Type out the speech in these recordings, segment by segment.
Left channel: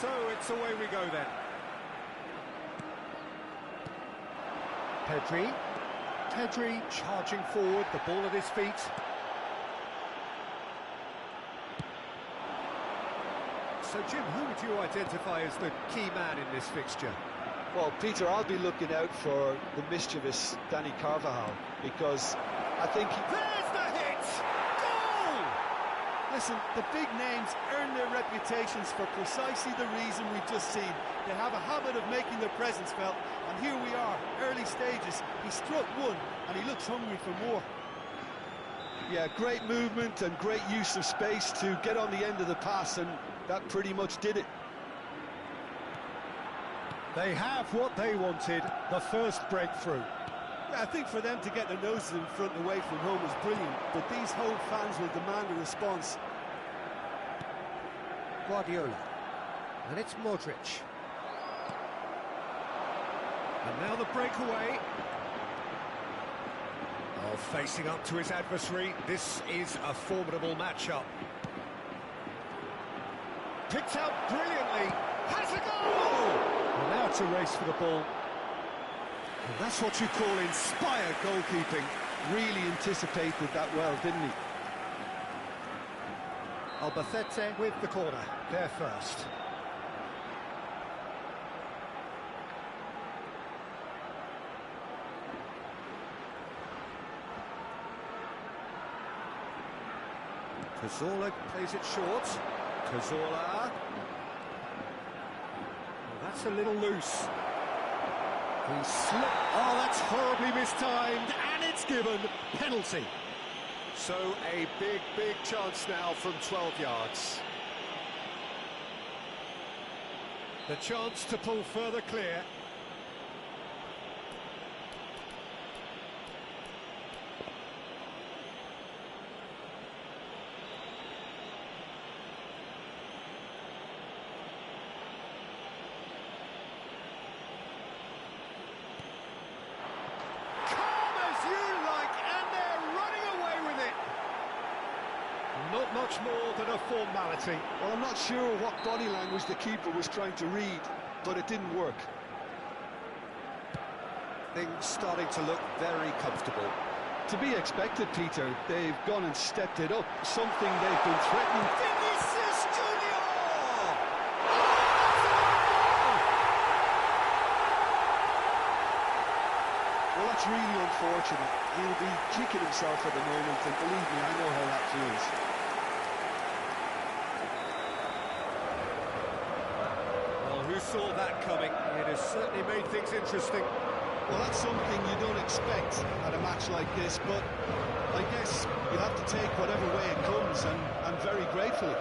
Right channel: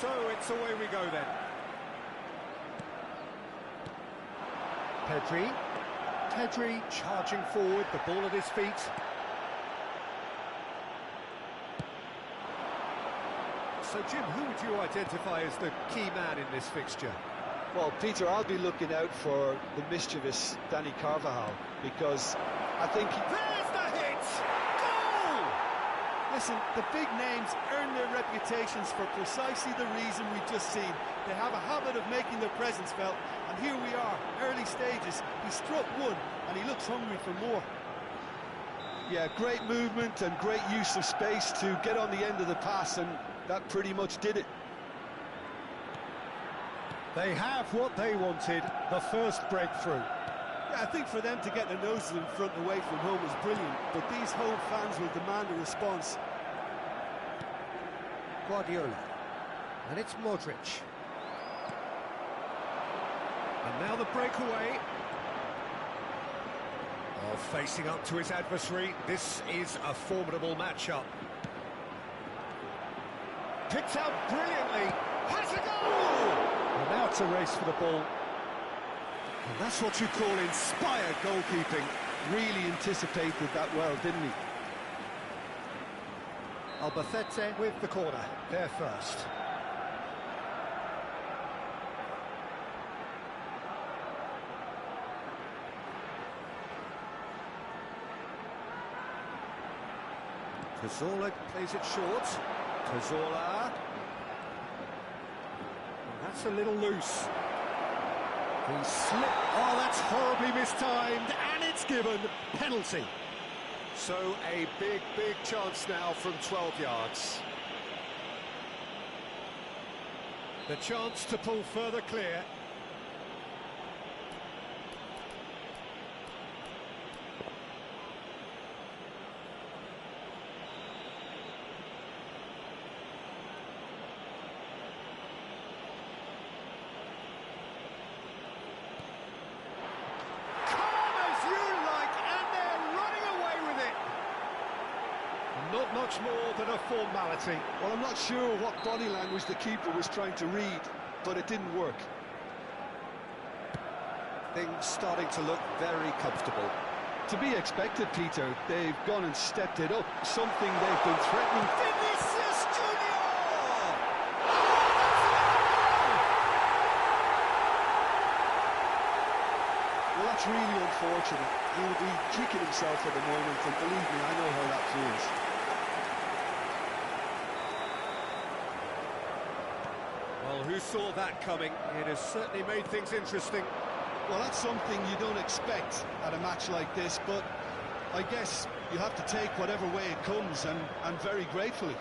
So it's away we go then. Pedri charging forward, the ball at his feet. So Jim, who would you identify as the key man in this fixture? Well, Peter, I'll be looking out for the mischievous Danny Carvajal, because I think There's the hit! Goal! Listen, the big names earn their reputations for precisely the reason we've just seen. They have a habit of making their presence felt, and here we are, early stages. He struck one, and he looks hungry for more. yeah, great movement and great use of space to get on the end of the pass, and that pretty much did it. They have what they wanted, the first breakthrough. Yeah, I think for them to get their noses in front away from home was brilliant, but these home fans will demand a response. Guardiola. And it's Modric. And now the breakaway. Oh, facing up to his adversary. This is a formidable matchup. Picked out brilliantly. Has a goal! Well, now it's a race for the ball. And that's what you call inspired goalkeeping. Really anticipated that well, didn't he? Albacete with the corner. There first. Cazorla plays it short. Cazorla. Oh, that's a little loose. He slipped. Oh, that's horribly mistimed, and it's given. Penalty. So a big, big chance now from 12 yards. The chance to pull further clear. Not much more than a formality. Well, I'm not sure what body language the keeper was trying to read, but it didn't work. Things starting to look very comfortable. To be expected, Peter. They've gone and stepped it up, something they've been threatening. Vinicius Junior! Well, that's really unfortunate. He'll be kicking himself at the moment, and believe me, I know how that feels. Well, who saw that coming? It has certainly made things interesting. Well, that's something you don't expect at a match like this, but I guess you have to take whatever way it comes, and very gratefully.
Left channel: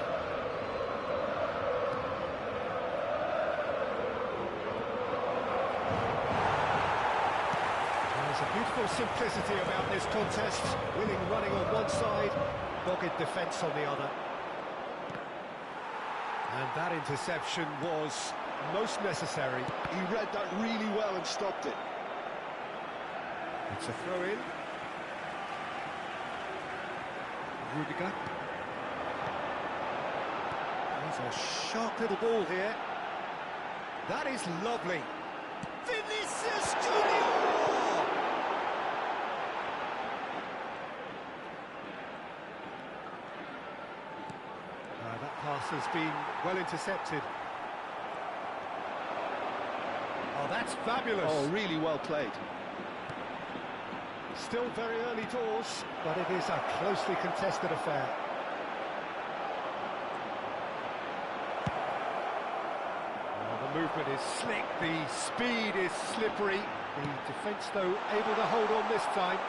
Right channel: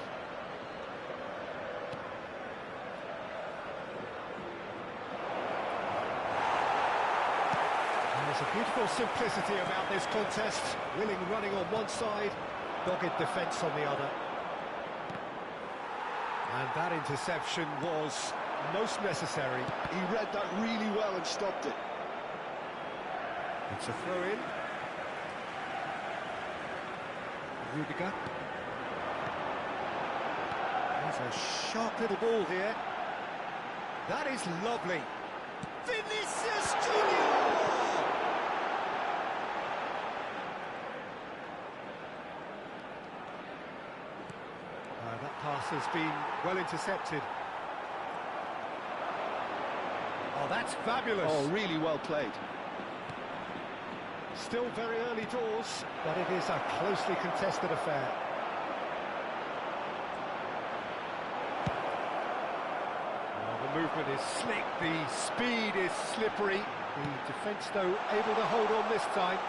There's a beautiful simplicity about this contest. Willing running on one side, dogged defence on the other. And that interception was most necessary. He read that really well and stopped it. It's a throw-in. Rudiger. There's a sharp little ball here. That is lovely. Vinicius Junior! That pass has been well intercepted. Oh, that's fabulous. Oh, really well played. Still very early doors, but it is a closely contested affair. Well, the movement is slick, the speed is slippery. The defence, though, able to hold on this time.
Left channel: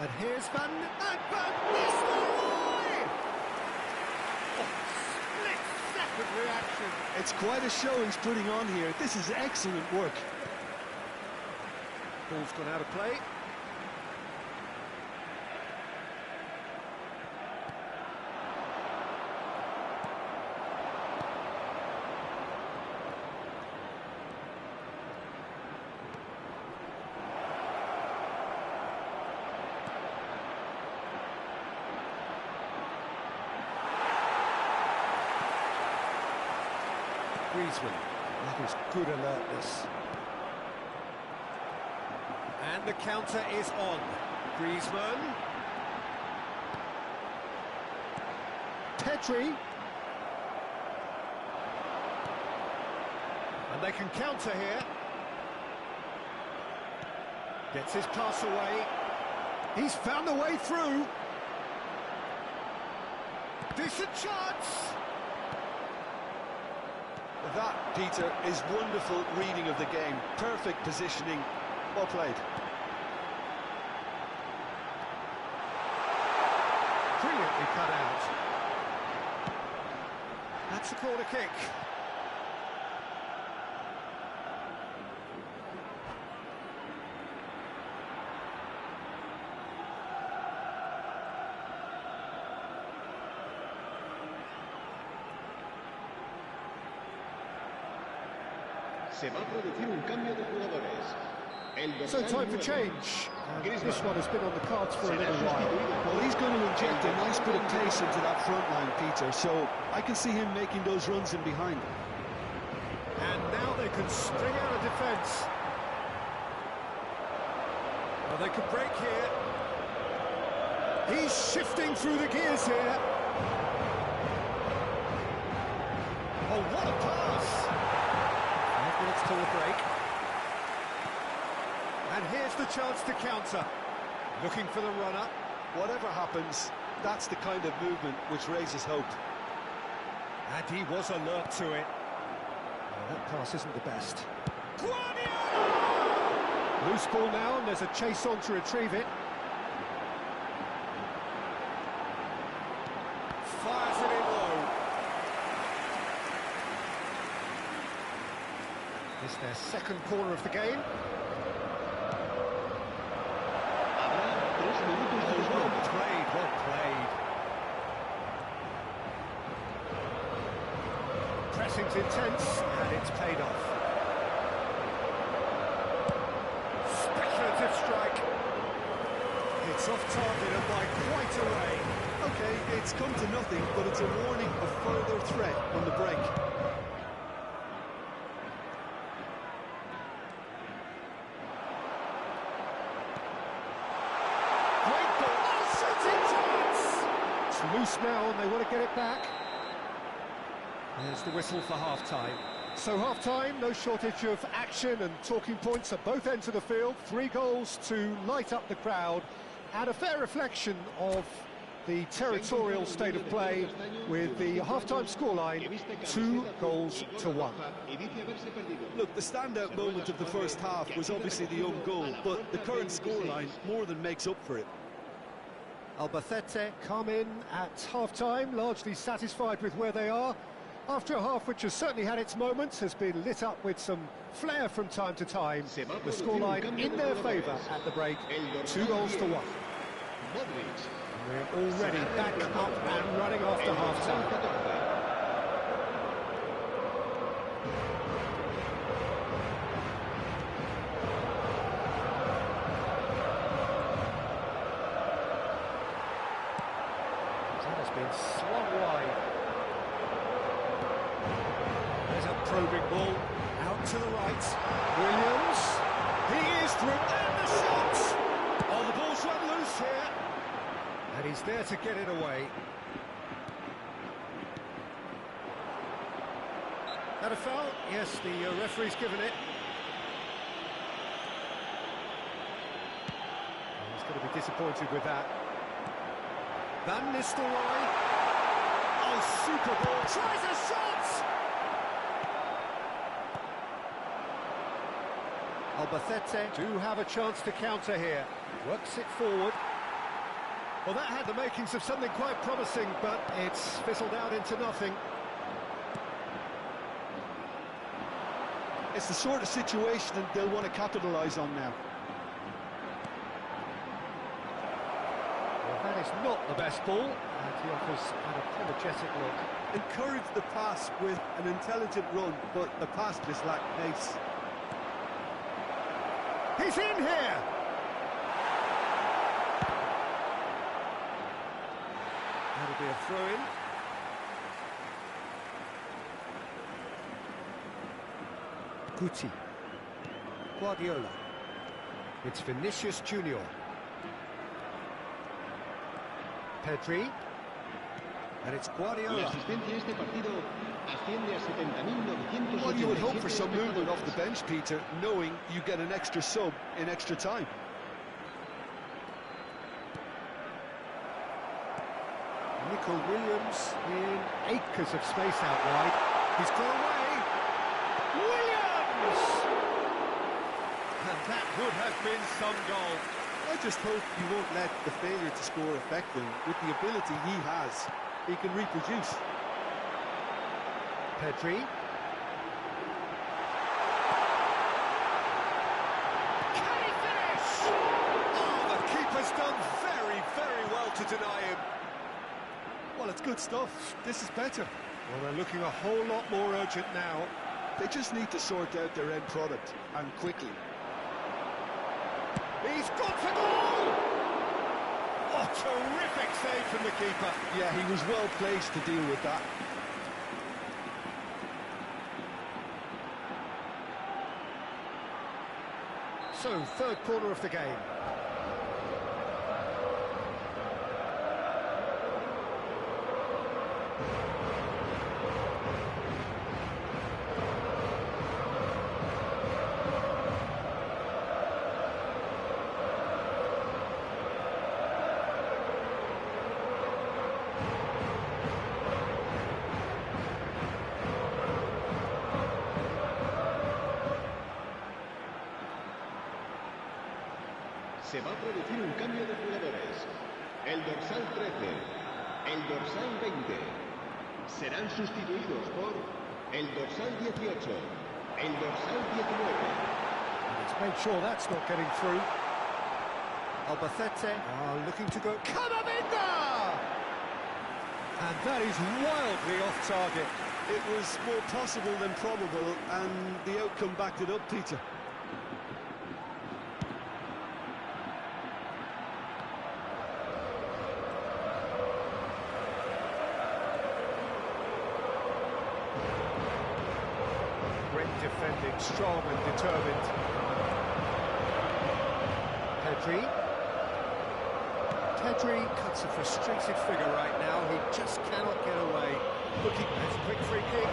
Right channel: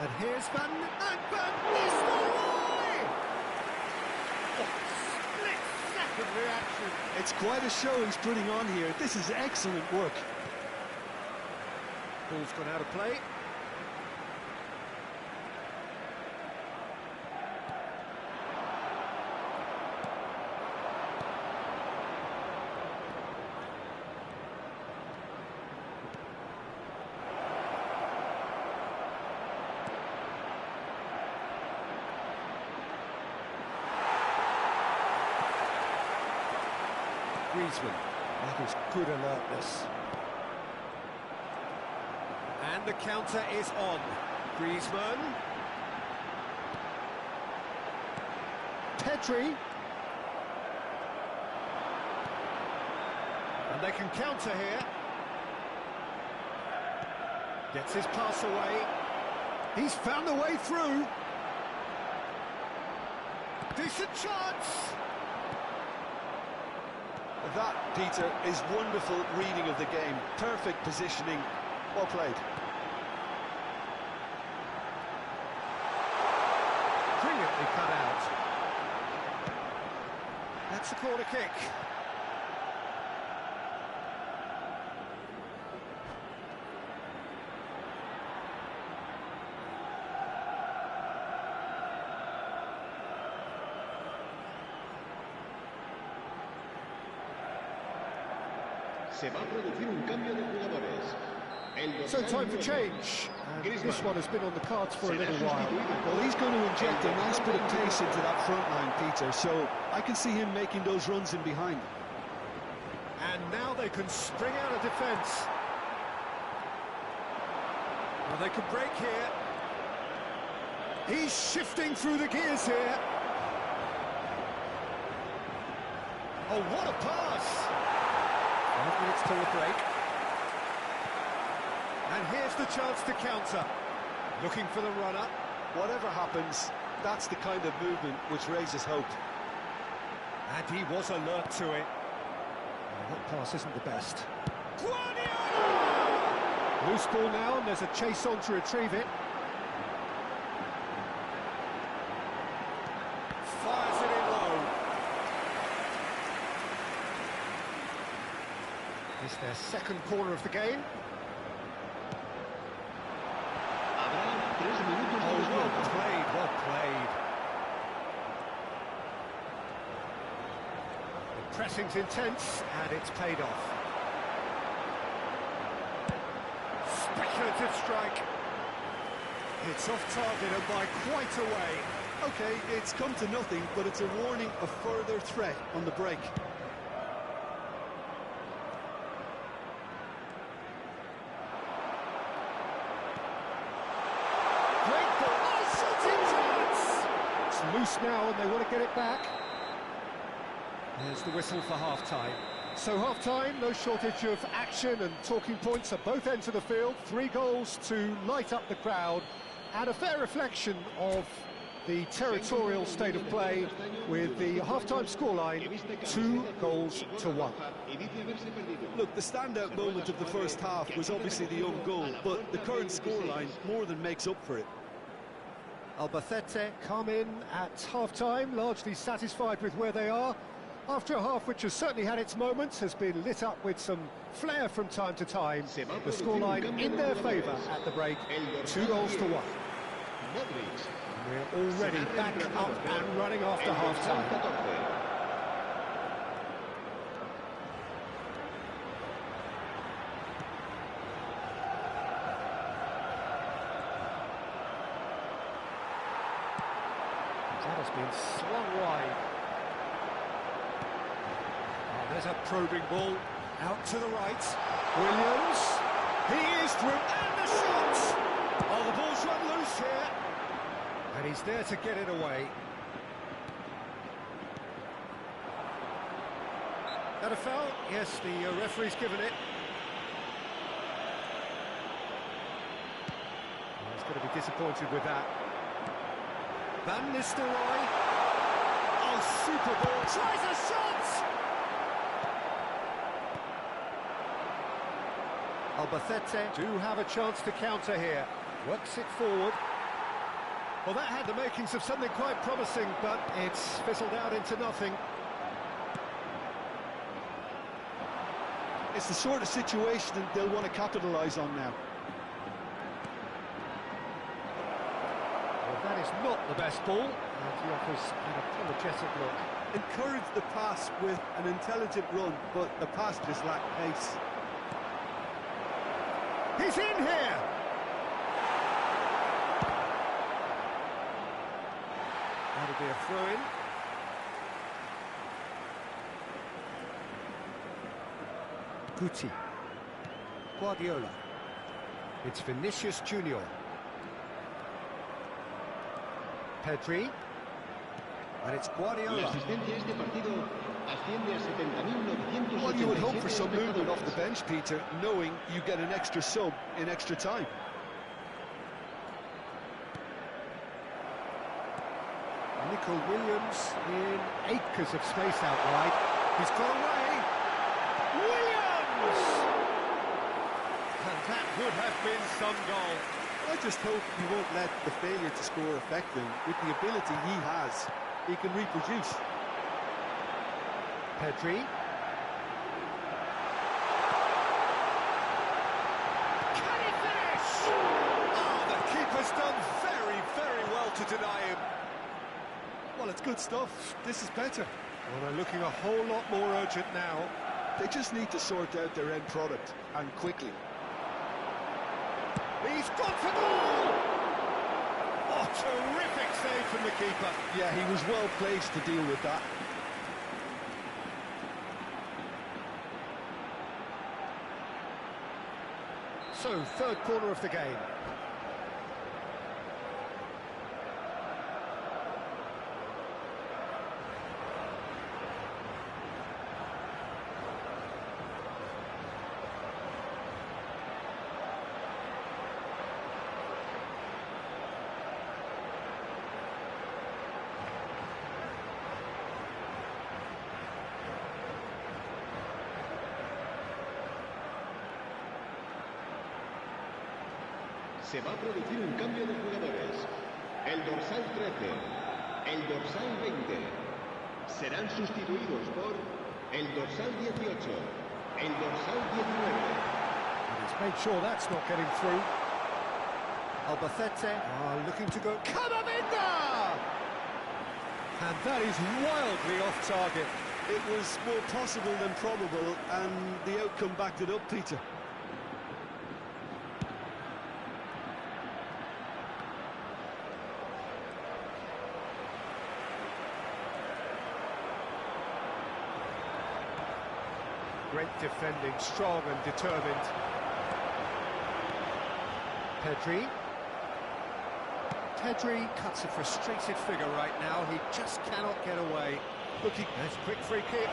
And here's Van Nistelrooy! Oh, split-second reaction. It's quite a show he's putting on here. This is excellent work. Ball's gone out of play. Griezmann. That is good alertness. And the counter is on. Griezmann. Pedri. And they can counter here. Gets his pass away. He's found the way through. Decent chance. That, Peter, is wonderful reading of the game. Perfect positioning. Well played. Brilliantly cut out. That's a corner kick. Se va a producir un cambio de jugadores. So time for change. And this one has been on the cards for a little while. Well, he's going to inject a nice bit of pace into that front line, Peter, so I can see him making those runs in behind. And now they can string out a defence. Well, they can break here. He's shifting through the gears here. Oh, what a pass! 5 minutes till the break. And here's the chance to counter. Looking for the runner. Whatever happens, that's the kind of movement which raises hope. And he was alert to it. Well, that pass isn't the best. Guardiola! Loose ball now, and there's a chase on to retrieve it. Fires it in low. It's their second corner of the game. Oh, well played, well played. Pressing's intense, and it's paid off. Speculative strike. It's off target and by quite a way. Okay, it's come to nothing, but it's a warning of further threat on the break. Great ball. Oh, shooting chance! It's loose now, and they want to get it back. There's the whistle for half-time. So half-time, no shortage of action and talking points at both ends of the field. 3 goals to light up the crowd, and a fair reflection of the territorial state of play, with the half-time scoreline 2-1. Look, the standout moment of the first half was obviously the own goal, but the current scoreline more than makes up for it. Albacete come in at half-time, largely satisfied with where they are. After a half which has certainly had its moments, has been lit up with some flair from time to time. The scoreline in their favour at the break, 2-1. We're already back up and running after half-time. That has been slung wide. There's a probing ball out to the right. Williams, he is through, and the shot! Oh, the ball's run loose here. And he's there to get it away. That a foul? Yes, the referee's given it. He's going to be disappointed with that. Van Nistelrooy. Oh, super ball. Tries a shot! Albacete do have a chance to counter here. Works it forward. Well, that had the makings of something quite promising, but it's fizzled out into nothing. It's the sort of situation that they'll want to capitalise on now. Well, that is not the best ball, and he offers an apologetic look. Encourage the pass with an intelligent run, but the pass just lacked pace. He's in here! That'll be a throw-in. Guti. Guardiola. It's Vinicius Junior. Pedri. And it's La Guardiola. asistencia a este partido asciende a 70.987 Well, you would hope for some movement off the espectadores. bench, Peter, knowing you get an extra sub in extra time. Nico Williams in acres of space out wide. He's got away. Williams! And that would have been some goal. I just hope you won't let the failure to score affect him. With the ability he has, he can reproduce. Pedri. Can he finish? Oh, the keeper's done very, very well to deny him. Well, it's good stuff. This is better. Well, they're looking a whole lot more urgent now. They just need to sort out their end product, and quickly. He's got the goal! Oh, terrific save from the keeper. Yeah, he was well placed to deal with that. So, third corner of the game. Se va a producir un cambio de jugadores. El dorsal 13, el dorsal 20 serán sustituidos por el dorsal 18, el dorsal 19. And he's made sure that's not getting through. Albacete are looking to go. Camavinga! And that is wildly off target. It was more possible than probable, and the outcome backed it up, Peter. Great defending, strong and determined. Pedri. Pedri cuts a frustrated figure right now. He just cannot get away. Looking, there's a quick free kick.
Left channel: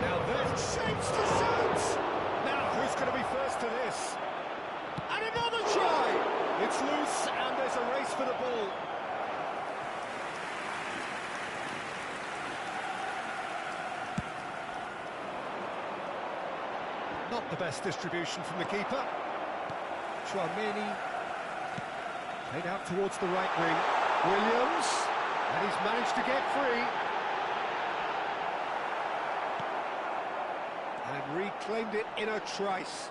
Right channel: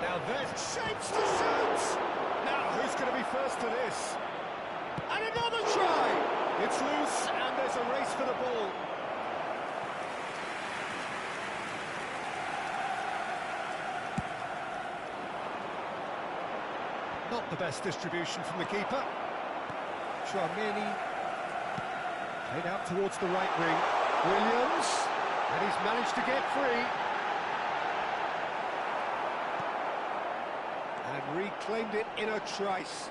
Now there's shapes to shoot! Now who's going to be first to this? And another try! It's loose and there's a race for the ball. Not the best distribution from the keeper. Chouameni played out towards the right wing. Williams, and he's managed to get free. And reclaimed it in a trice.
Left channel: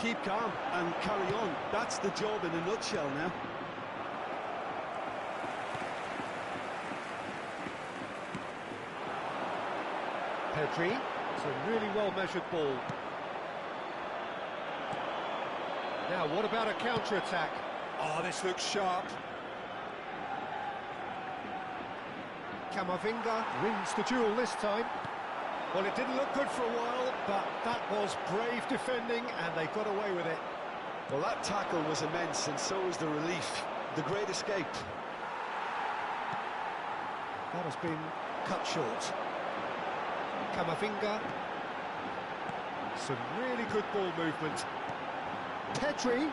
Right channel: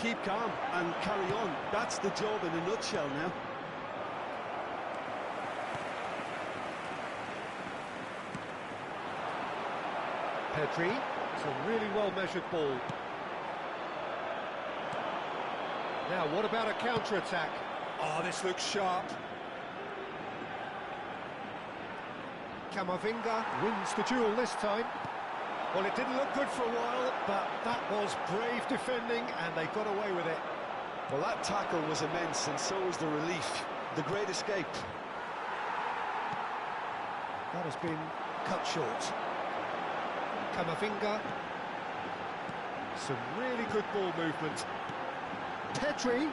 Keep calm and carry on. That's the job in a nutshell now. Pedri, it's a really well-measured ball. Now, what about a counter-attack? Oh, this looks sharp. Camavinga wins the duel this time. Well, it didn't look good for a while, but that was brave defending, and they got away with it. Well, that tackle was immense, and so was the relief. The great escape. That has been cut short. Camavinga. Some really good ball movement. Pedri.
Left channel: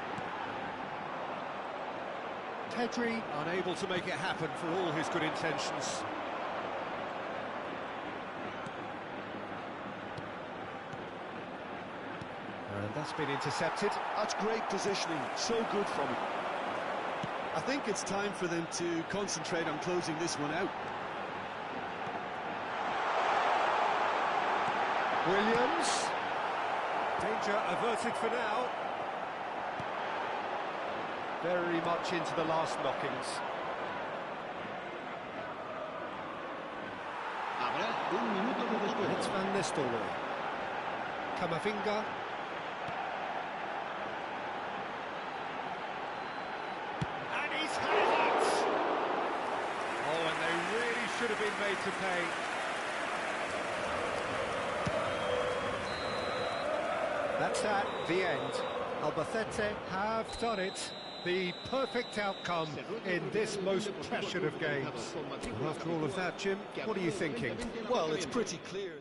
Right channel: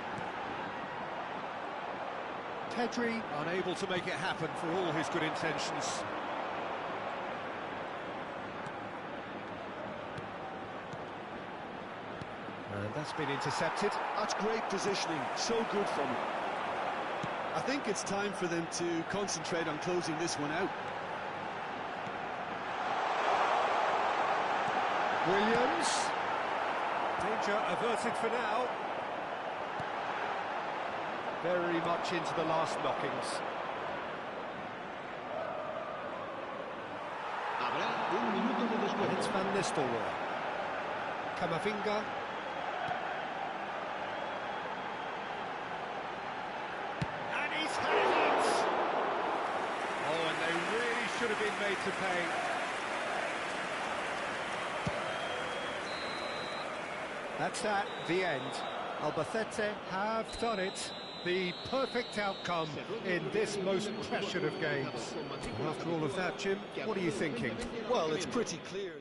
Pedri unable to make it happen for all his good intentions. And that's been intercepted. That's great positioning. So good from him. I think it's time for them to concentrate on closing this one out. Williams. Danger averted for now. Very much into the last knockings. Habrá un minuto de descuento. It's Van Nistelrooy. Camavinga. And he's had it! Oh, and they really should have been made to pay. That's that, the end. Albacete have done it. The perfect outcome in this most pressured of games. Well, after all of that, Jim, what are you thinking? Well, it's pretty clear.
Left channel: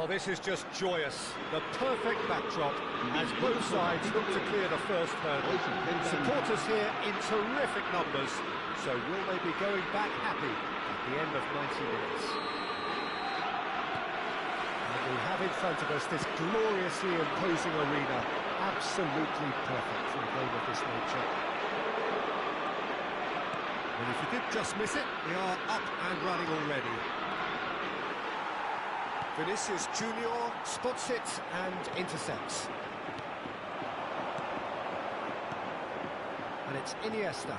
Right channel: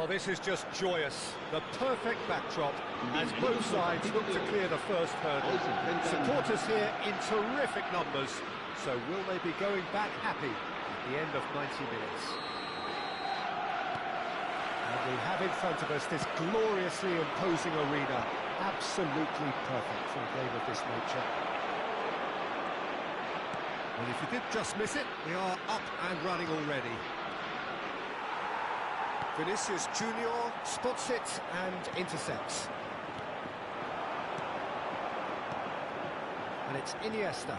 Well, this is just joyous. The perfect backdrop as both sides look to clear the first hurdle. Supporters here in terrific numbers, so will they be going back happy at the end of 90 minutes? And we have in front of us this gloriously imposing arena, absolutely perfect for a game of this nature. And if you did just miss it, we are up and running already. Vinicius Junior spots it and intercepts. And it's Iniesta.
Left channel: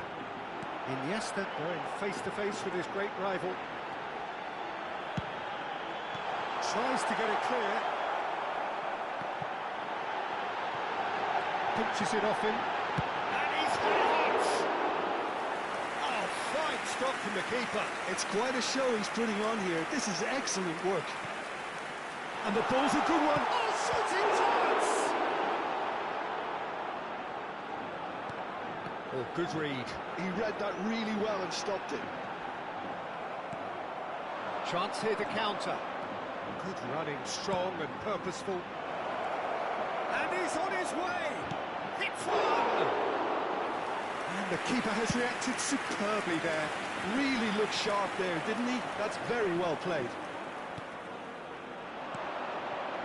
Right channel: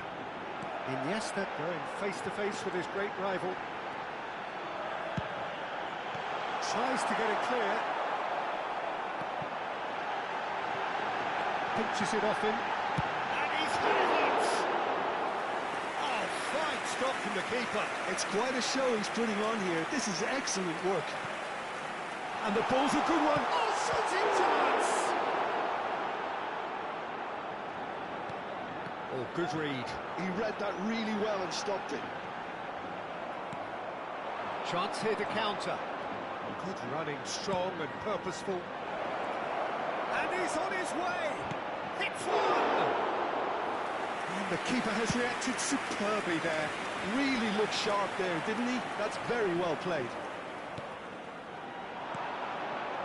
Iniesta going face-to-face with his great rival. Tries to get it clear. Pinches it off him. And he's had it! Oh, fine stop from the keeper. It's quite a show he's putting on here. This is excellent work. And the ball's a good one. Oh, shooting chance! Oh, good read. He read that really well and stopped it. Chance here to counter. Good running, strong and purposeful. And he's on his way. Hits one! And the keeper has reacted superbly there. Really looked sharp there, didn't he? That's very well played.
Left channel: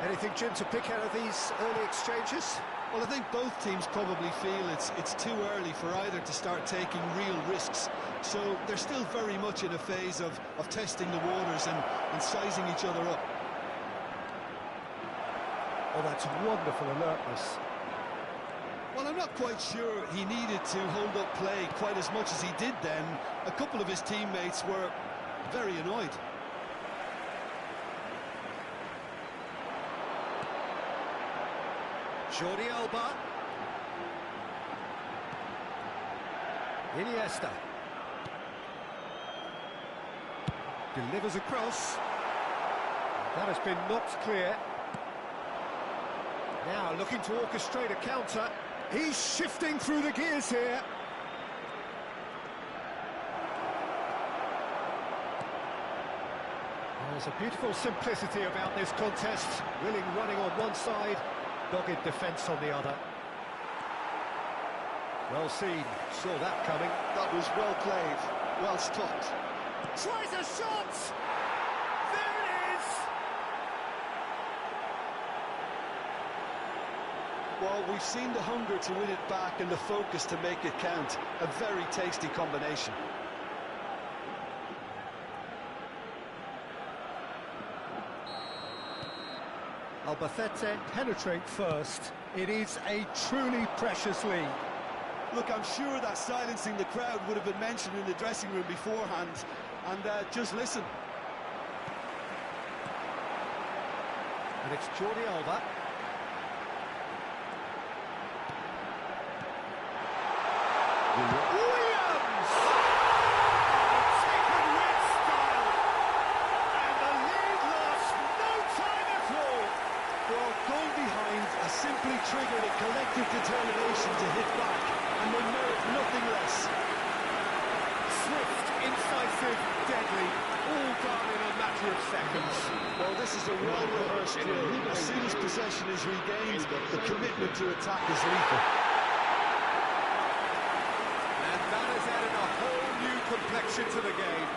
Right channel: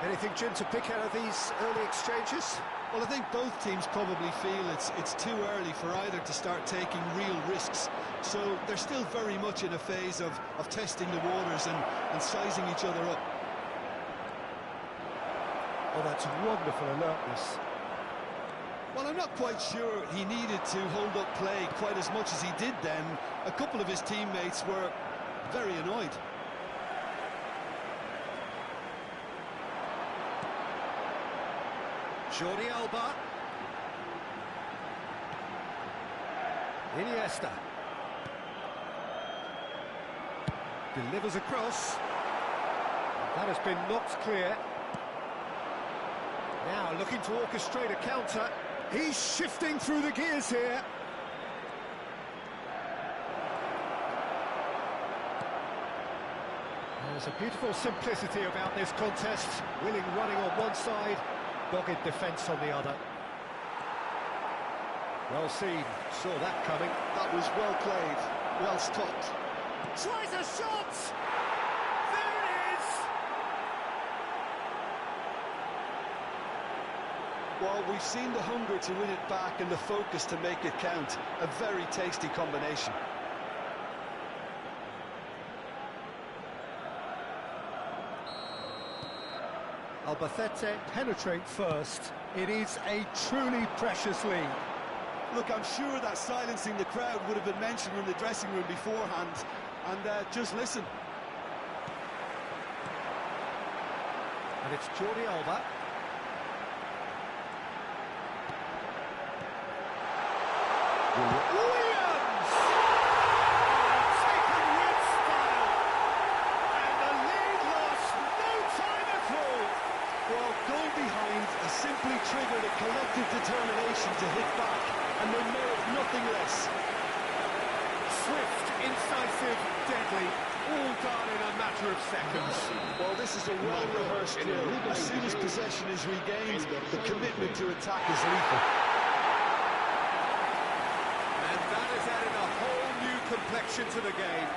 Anything, Jim, to pick out of these early exchanges? Well, I think both teams probably feel it's too early for either to start taking real risks. So they're still very much in a phase of testing the waters and sizing each other up. Oh, that's wonderful alertness. Well, I'm not quite sure he needed to hold up play quite as much as he did then. A couple of his teammates were very annoyed. Jordi Alba. Iniesta. Delivers across. That has been knocked clear. Now looking to orchestrate a counter. He's shifting through the gears here. There's a beautiful simplicity about this contest. Willing running on one side, dogged defence on the other. Well seen, saw that coming. That was well played, well stopped. Tries a shot! There it is! Well, we've seen the hunger to win it back and the focus to make it count. A very tasty combination. Albacete penetrate first. It is a truly precious lead. Look, I'm sure that silencing the crowd would have been mentioned in the dressing room beforehand. And just listen. And it's Jordi Alba. Williams! Oh, taken with style. And the lead lost no time at all. Well, going behind has simply triggered a collective determination to hit back, and they merit nothing less. Swift, incisive, deadly, all done in a matter of seconds. Well, this is a well-rehearsed drill. As soon as possession is regained, the commitment to attack is lethal. And that has added a whole new complexion to the game.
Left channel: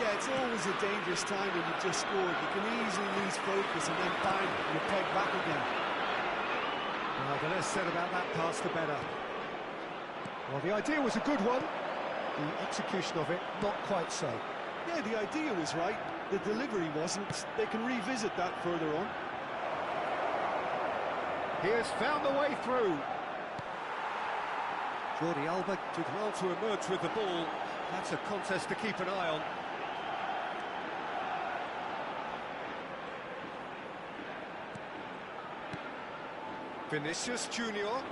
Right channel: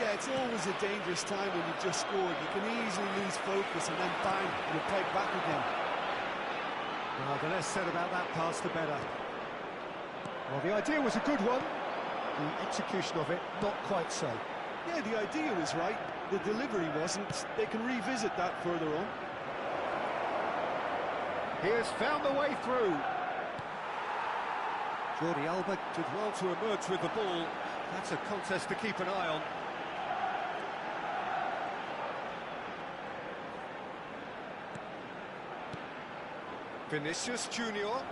Yeah, it's always a dangerous time when you've just scored. You can easily lose focus and then bang, you're pegged back again. Well, the less said about that pass, the better. Well, the idea was a good one. The execution of it, not quite so. Yeah, the idea was right. The delivery wasn't. They can revisit that further on. He has found the way through. Jordi Alba did well to emerge with the ball. That's a contest to keep an eye on. Vinicius Junior.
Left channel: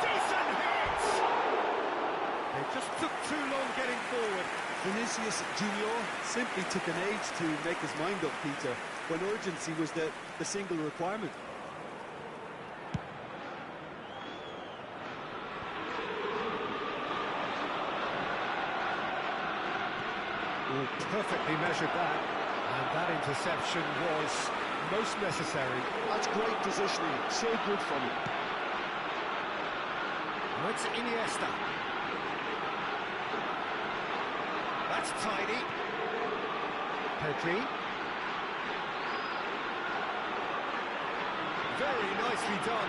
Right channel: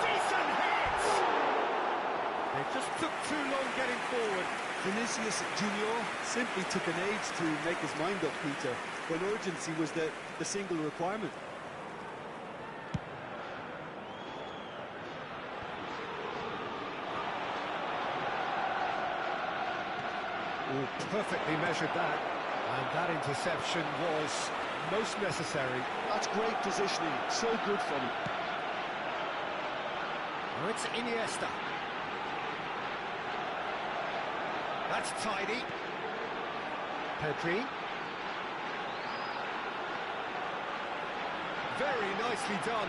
Decent hit! They just took too long getting forward. Vinicius Junior simply took an age to make his mind up, Peter, when urgency was the single requirement. Oh, perfectly measured that. And that interception was most necessary. That's great positioning, so good from him. Now it's Iniesta. That's tidy. Pedri. Very nicely done.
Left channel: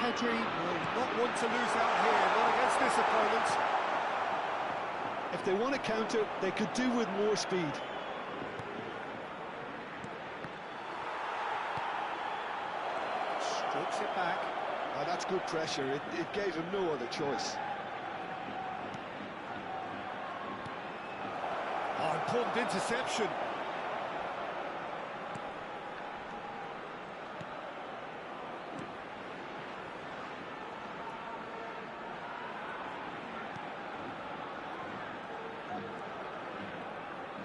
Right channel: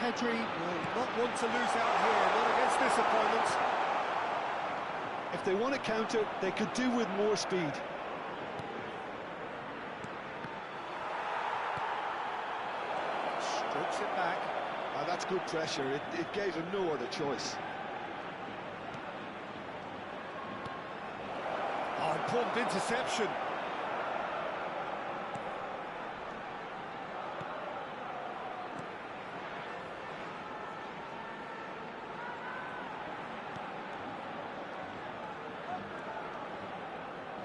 Pedri will not want to lose out here, not against this opponent. If they want to counter, they could do with more speed. Strokes it back. That's good pressure. It gave him no other choice. Oh, important interception.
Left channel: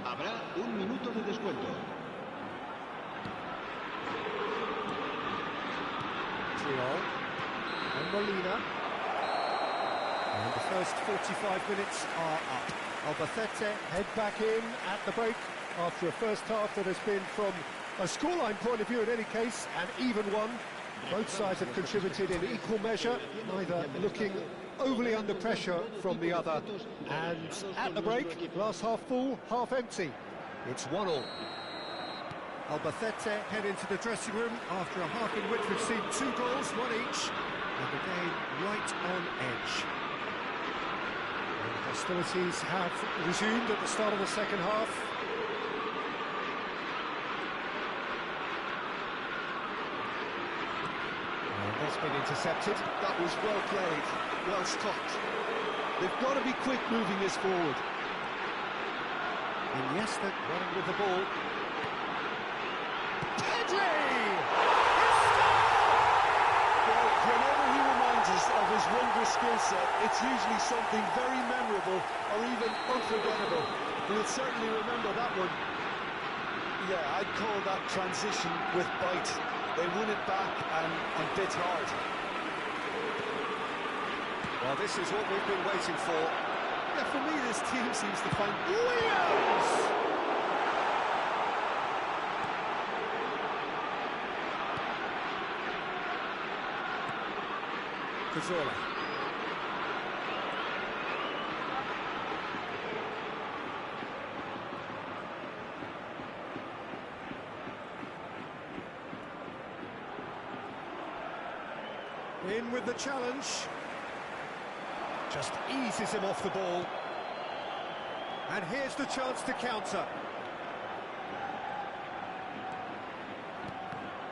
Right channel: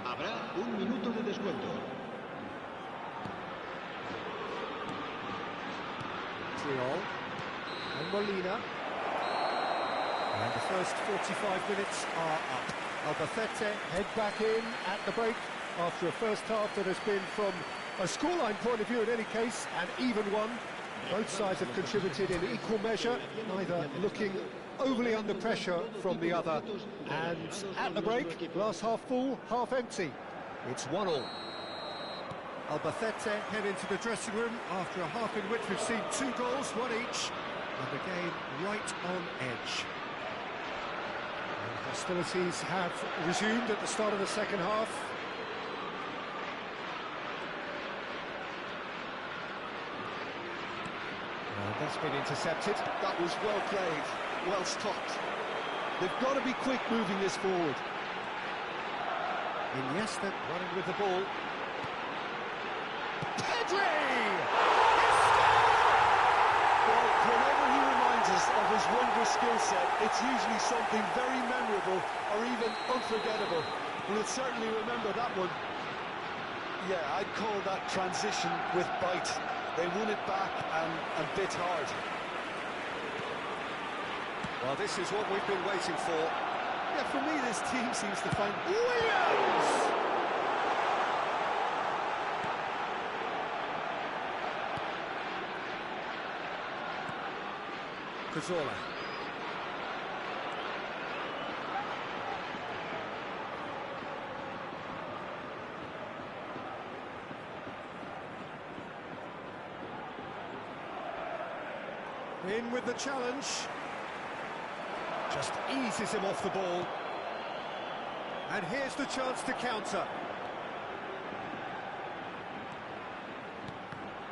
Habrá un minuto de descuento. Triol and Molina. And the first 45 minutes are up. Albacete head back in at the break after a first half that has been, from a scoreline point of view in any case, an even one. Both sides have contributed in equal measure, neither looking overly under pressure from the other. And at the break, glass half full, half empty. It's 1-1. Albacete head into the dressing room after a half in which we've seen 2 goals, 1 each, and the game right on edge. And hostilities have resumed at the start of the second half. And that's been intercepted. That was well played, well stopped. They've got to be quick moving this forward. Iniesta running with the ball. Pedri! He scored! Well, whenever he reminds us of his wondrous skill set, it's usually something very memorable or even unforgettable. We'll certainly remember that one. Yeah, I'd call that transition with bite. They won it back and bit hard. Well, this is what we've been waiting for. Yeah, for me, this team seems to find... Williams! Cazorla. In with the challenge. Just eases him off the ball. And here's the chance to counter.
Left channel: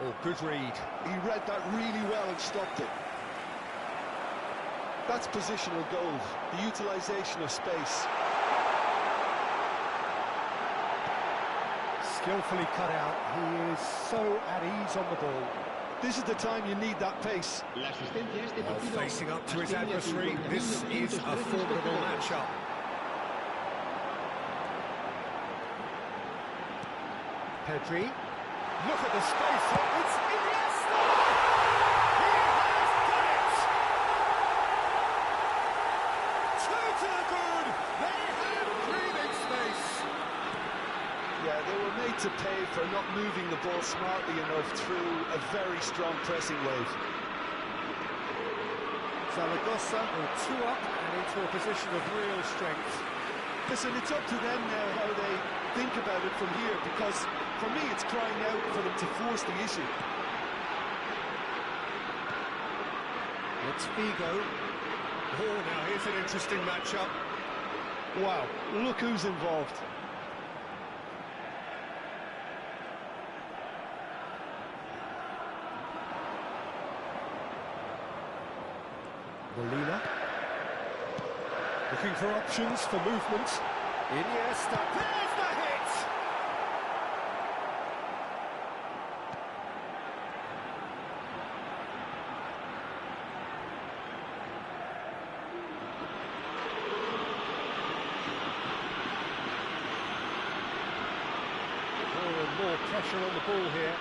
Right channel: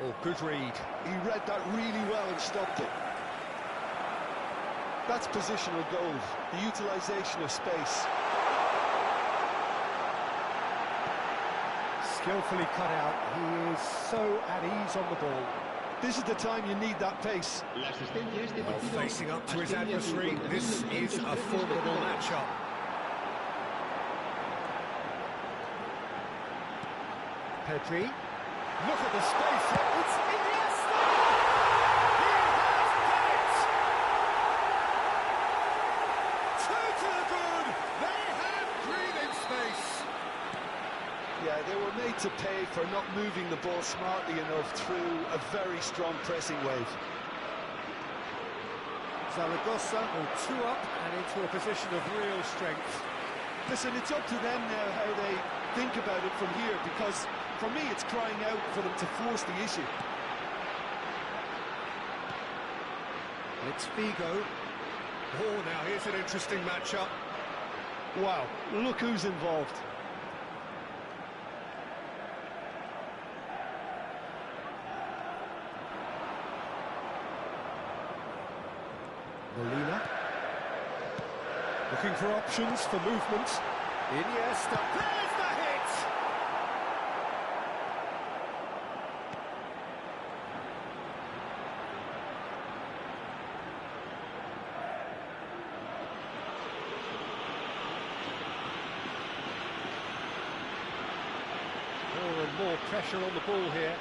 Oh, good read. He read that really well and stopped it. That's positional goal, the utilisation of space. Skillfully cut out. He is so at ease on the ball. This is the time you need that pace. Facing up to his adversary, this is a formidable matchup. Pedri. Look at the space here. It's Iniesta! He has done it! Two to the good. They have breathing space. Yeah, they were made to pay for not moving the ball smartly enough through a very strong pressing wave. Zaragoza will two up and into a position of real strength. Listen, it's up to them now how they think about it from here, because for me it's crying out for them to force the issue. It's Figo. Oh, now here's an interesting matchup. Wow, look who's involved. Molina. Looking for options for movement. Iniesta. There's the hit! More and more pressure on the ball here.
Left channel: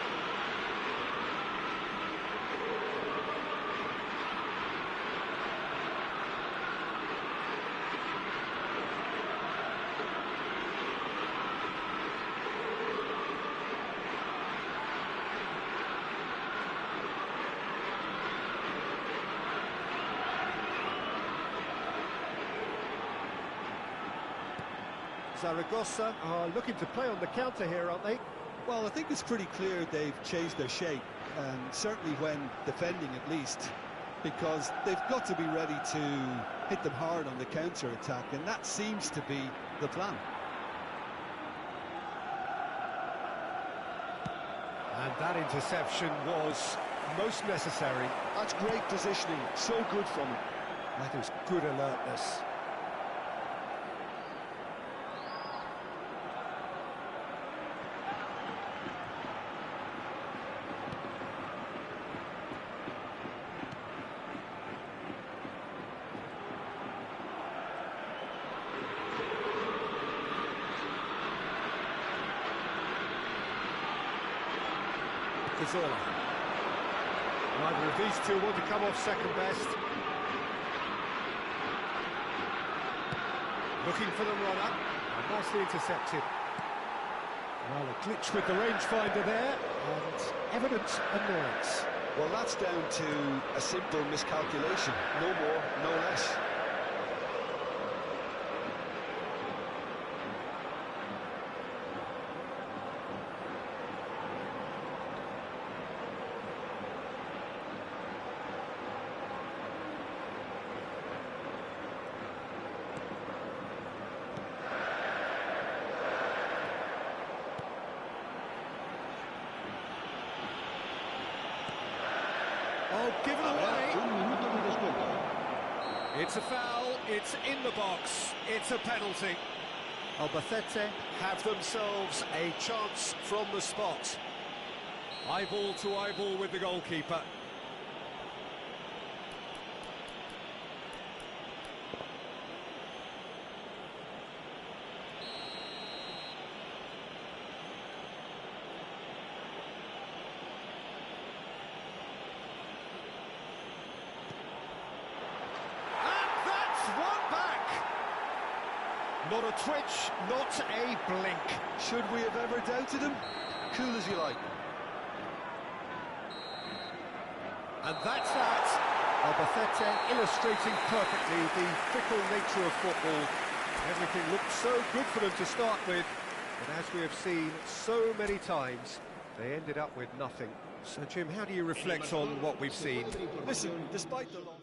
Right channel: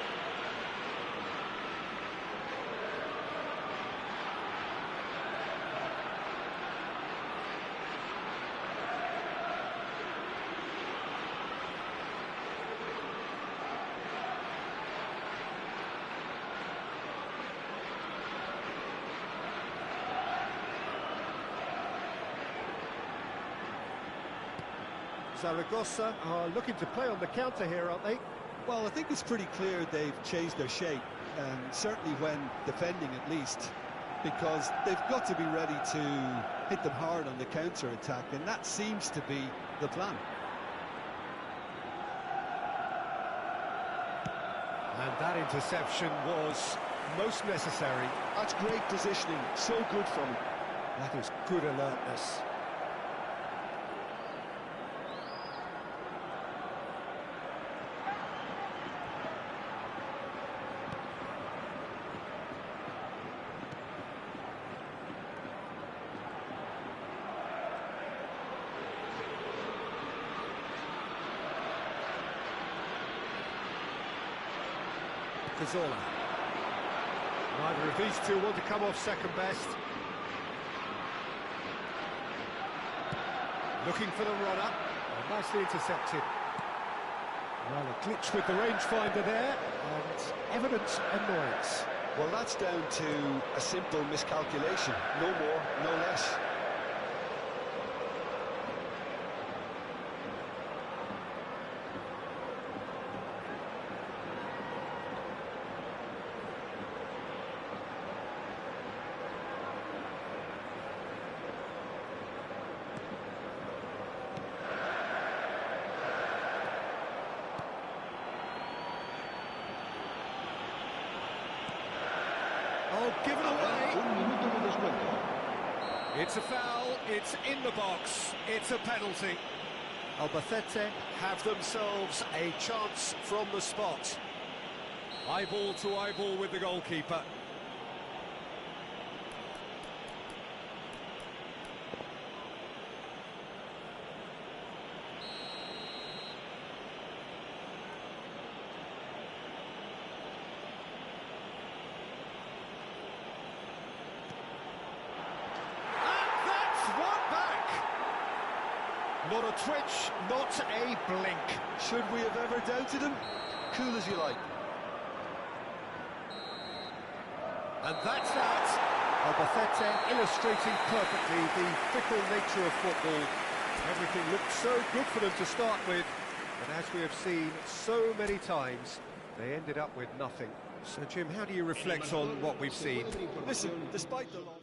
Zaragoza are looking to play on the counter here, aren't they? Well, I think it's pretty clear they've changed their shape, certainly when defending at least, because they've got to be ready to hit them hard on the counter-attack, and that seems to be the plan. And that interception was most necessary. That's great positioning, so good from him. That is good alertness. Cazorla. Neither of these two want to come off second best. Looking for the run-up. Oh, nicely intercepted. Well, a glitch with the rangefinder there, and evident annoyance. Well, that's down to a simple miscalculation. No more, no less. Oh, give it away. It's a foul, it's in the box, it's a penalty. Albacete have themselves a chance from the spot. Eyeball to eyeball with the goalkeeper. Not a twitch, not a blink. Should we have ever doubted him? Cool as you like. And that's that. Albacete illustrating perfectly the fickle nature of football. Everything looked so good for them to start with, but as we have seen so many times, they ended up with nothing. So, Jim, how do you reflect on what we've seen? Listen, despite the loss...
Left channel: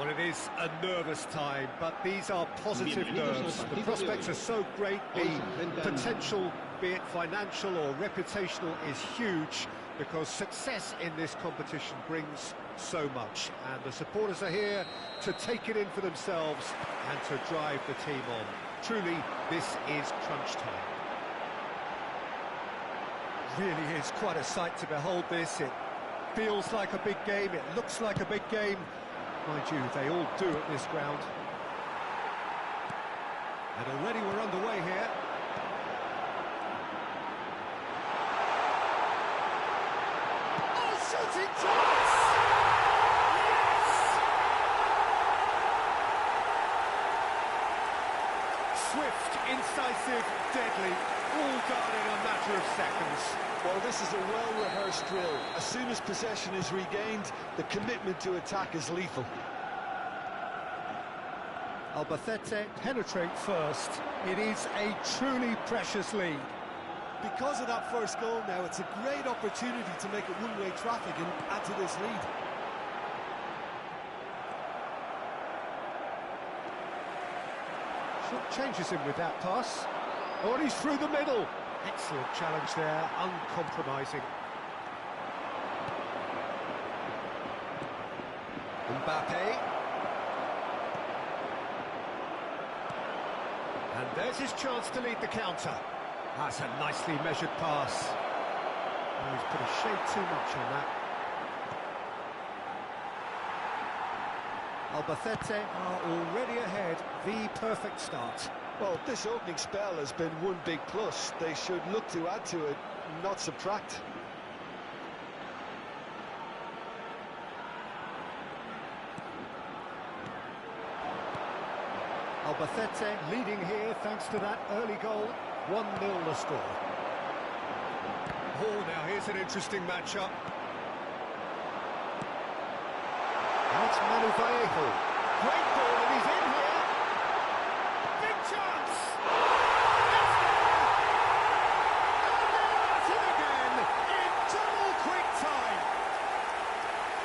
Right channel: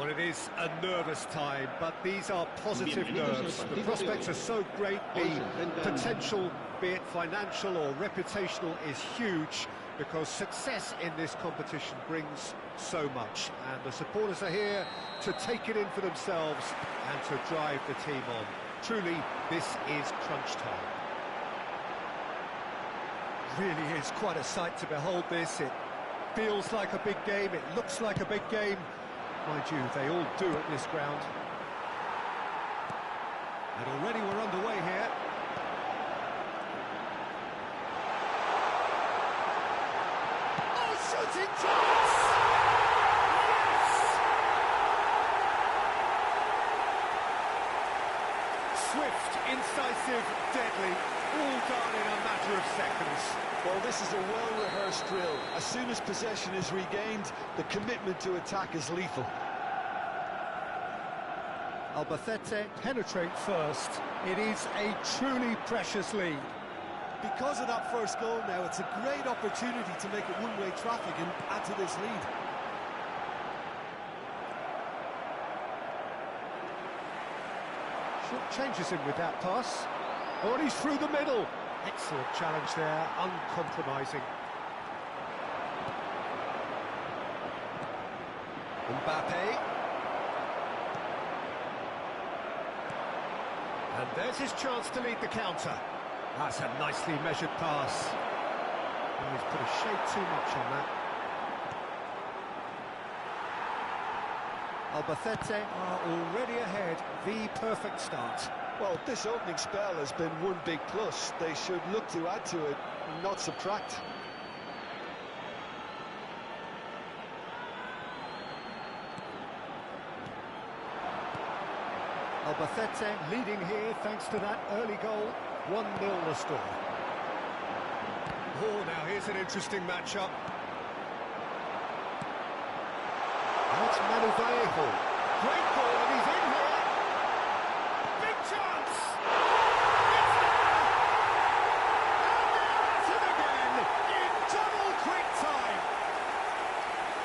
Well, it is a nervous time, but these are positive nerves. The prospects are so great, the potential, be it financial or reputational, is huge, because success in this competition brings so much, and the supporters are here to take it in for themselves and to drive the team on. Truly, this is crunch time. Really is quite a sight to behold this. It feels like a big game, it looks like a big game. Mind you, they all do at this ground. And already we're underway here. Oh, shooting chance! Yes! Swift, incisive, deadly, all done in a matter of seconds. Well, this is a well-rehearsed drill. As soon as possession is regained, the commitment to attack is lethal. Albacete penetrate first. It is a truly precious lead. Because of that first goal now, it's a great opportunity to make it one-way traffic and add to this lead. Short changes him with that pass. Oh, and he's through the middle. Excellent challenge there, uncompromising. Mbappe. And there's his chance to lead the counter. That's a nicely measured pass. Oh, he's put a shade too much on that. Albacete are already ahead. The perfect start. Well, this opening spell has been one big plus. They should look to add to it, not subtract. Albacete leading here thanks to that early goal. 1-0 the score. Oh, now here's an interesting matchup. Now it's Manu Vallejo. Great ball, and he's in here. Big chance! It's there! And they're at it again in double quick time.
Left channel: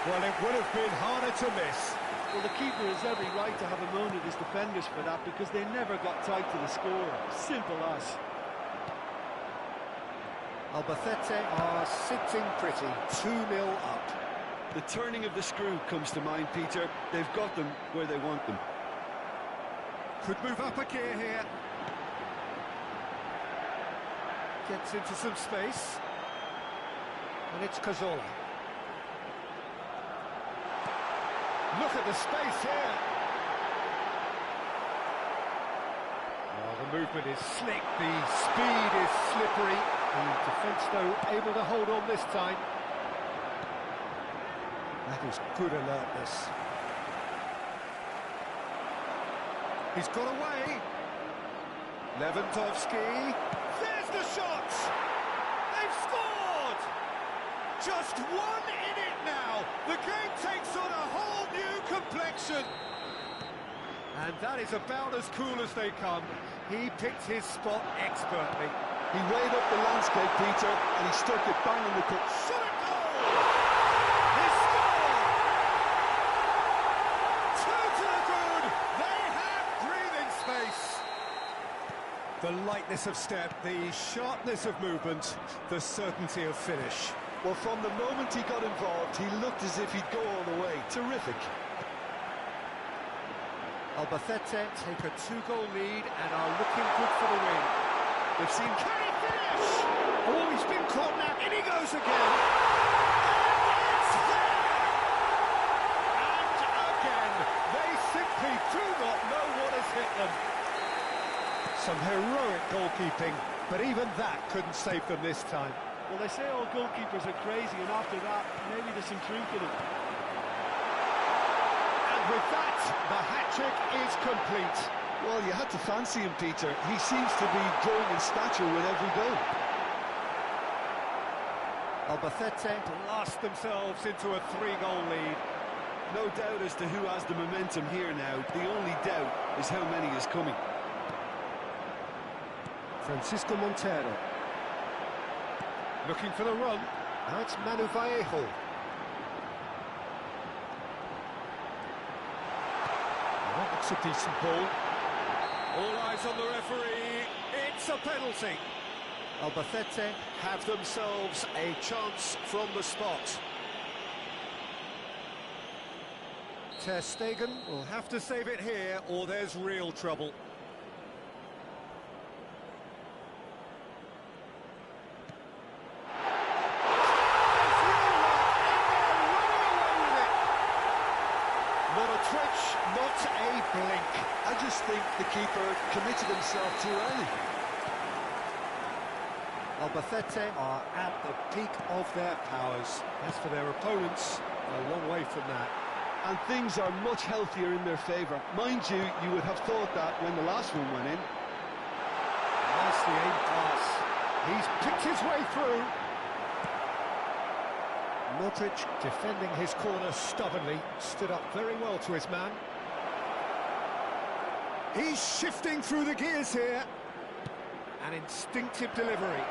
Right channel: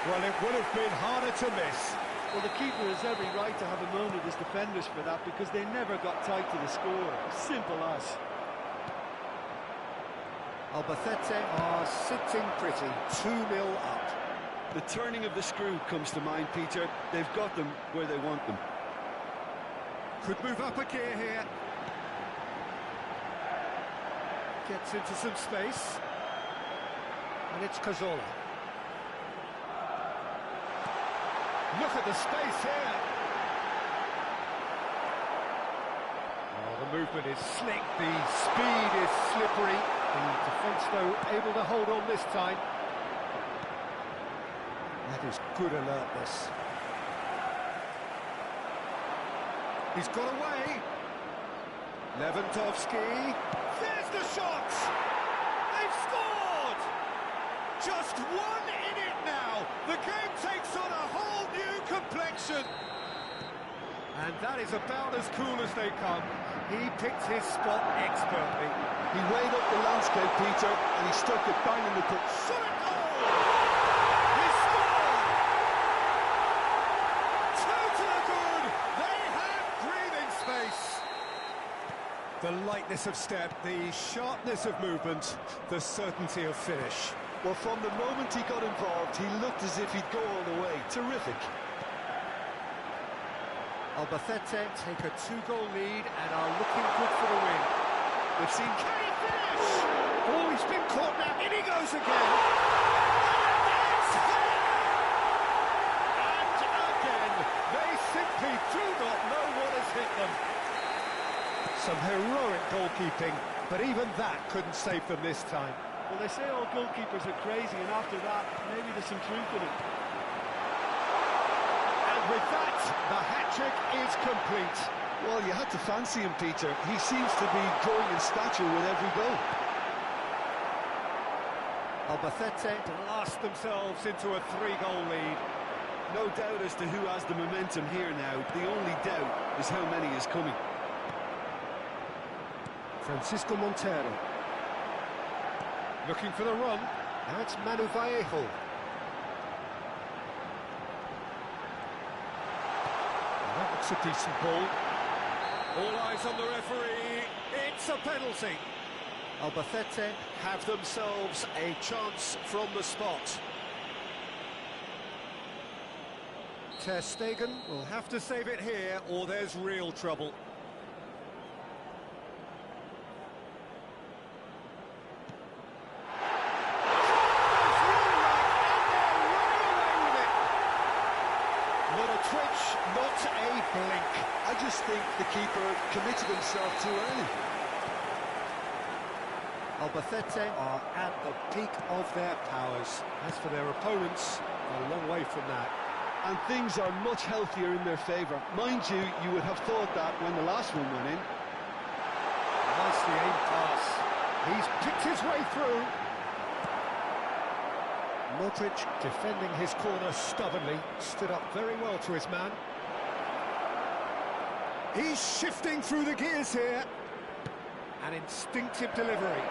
Well, it would have been harder to miss. Well, the keeper has every right to have a moan at his defenders for that, because they never got tight to the score. Simple as. Albacete are sitting pretty, 2-0 up. The turning of the screw comes to mind, Peter. They've got them where they want them. Could move up a gear here. Gets into some space. And it's Cazorla. Look at the space here. Well, the movement is slick, the speed is slippery. The defence, though, able to hold on this time. That is good alertness. He's got away. Lewandowski. There's the shot! They've scored! Just one in it now. The game takes on a whole new complexion. And that is about as cool as they come. He picked his spot expertly. He weighed up the landscape, Peter, and he stuck it bang in the cup. Shot a goal! He scored! 2 to the good. They have breathing space. The lightness of step, the sharpness of movement, the certainty of finish. Well, from the moment he got involved, he looked as if he'd go all the way. Terrific. Albacete take a 2-goal lead and are looking good for the win. They've seen... Can he finish? Oh, he's been caught now. In he goes again. And it's there! And again, they simply do not know what has hit them. Some heroic goalkeeping, but even that couldn't save them this time. Well, they say all goalkeepers are crazy, and after that, maybe there's some truth in it. And with that, the hat-trick is complete. Well, you had to fancy him, Peter. He seems to be growing in stature with every goal. Albacete blast themselves into a 3-goal lead. No doubt as to who has the momentum here now. The only doubt is how many is coming. Francisco Montero. Looking for the run. Now it's Manu Vallejo. That looks a decent ball. All eyes on the referee. It's a penalty. Albacete have themselves a chance from the spot. Ter Stegen will have to save it here, or there's real trouble. Not a twitch, not a blink. I just think the keeper committed himself too early. Albacete are at the peak of their powers. As for their opponents, a long way from that. And things are much healthier in their favour. Mind you, you would have thought that when the last one went in. Nicely aimed pass. He's picked his way through. Modric defending his corner stubbornly, stood up very well to his man. He's shifting through the gears here. An instinctive delivery.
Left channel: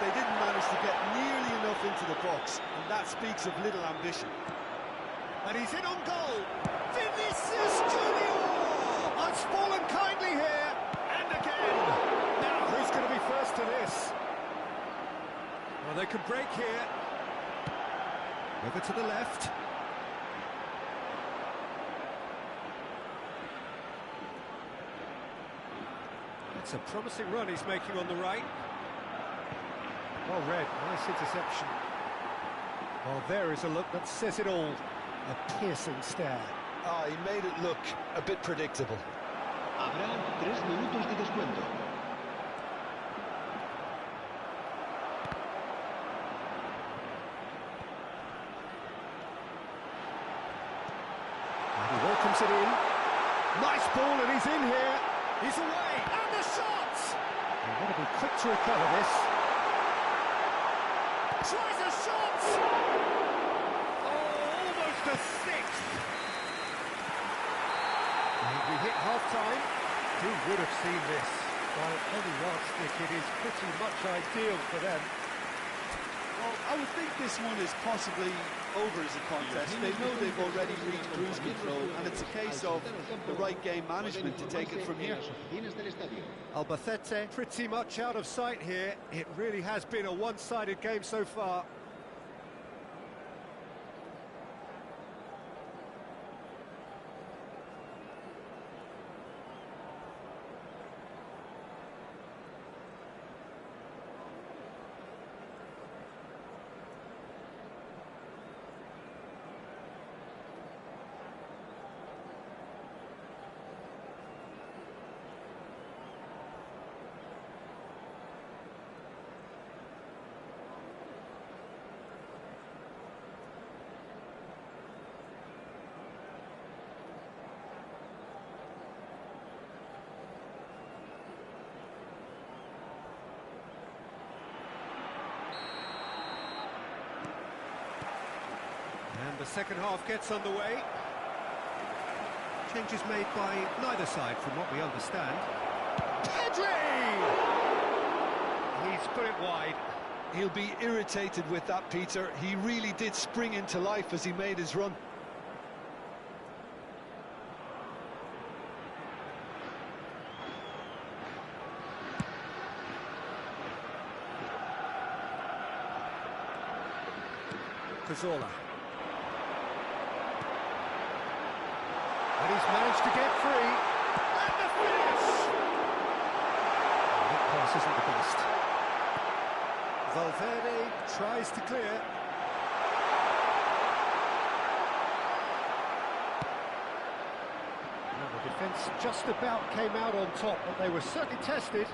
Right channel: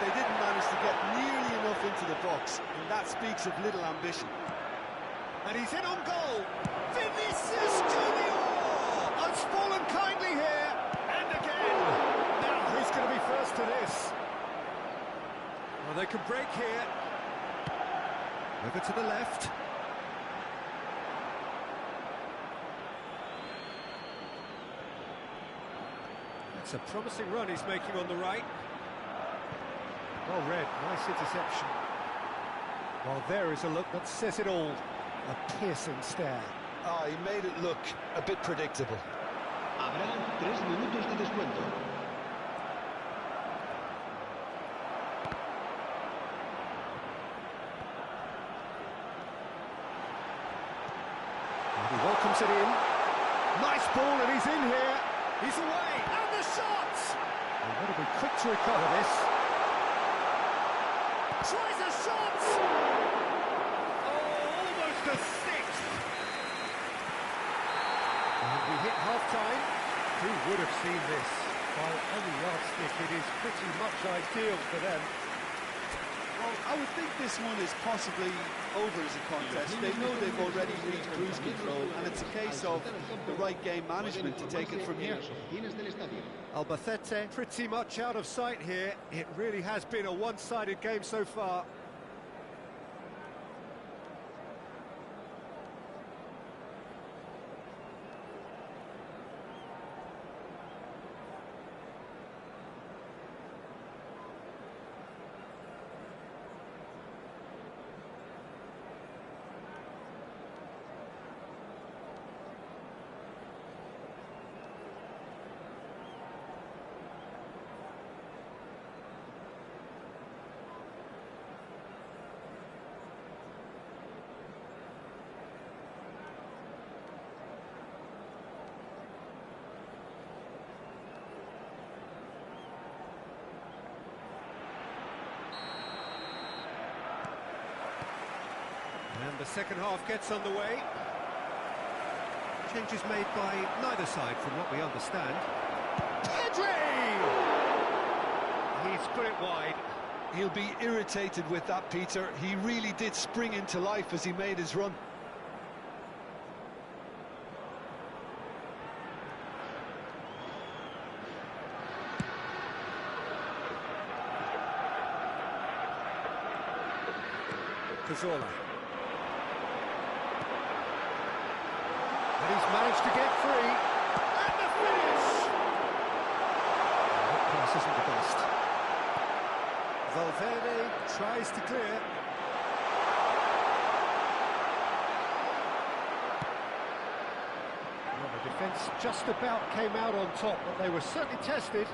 They didn't manage to get nearly enough into the box, and that speaks of little ambition. And he's in on goal. Vinicius Junior has fallen kindly here. And again. Now, who's going to be first to this? Well, they can break here. Over to the left. That's a promising run he's making on the right. Well read, nice interception. Well, there is a look that says it all. A piercing stare. He made it look a bit predictable. Habrá 3 minutos de descuento. And he welcomes it in. Nice ball, and he's in here. He's away, and the shot! They've got to be quick to recover this. Tries a shot! Oh, almost a sixth. And we hit half-time. Who would have seen this? By any yardstick, it is pretty much ideal for them. Well, I would think this one is possibly over as a contest. They know they've already reached cruise control, and it's a case of the right game management to take it from here. Albacete pretty much out of sight here. It really has been a one-sided game so far. And the second half gets underway. Changes made by neither side from what we understand. Pedri! He's put it wide. He'll be irritated with that, Peter. He really did spring into life as he made his run. Cazorla. And he's managed to get free. And the finish! That pass isn't the best. Valverde tries to clear. Well, the defence just about came out on top, but they were certainly tested.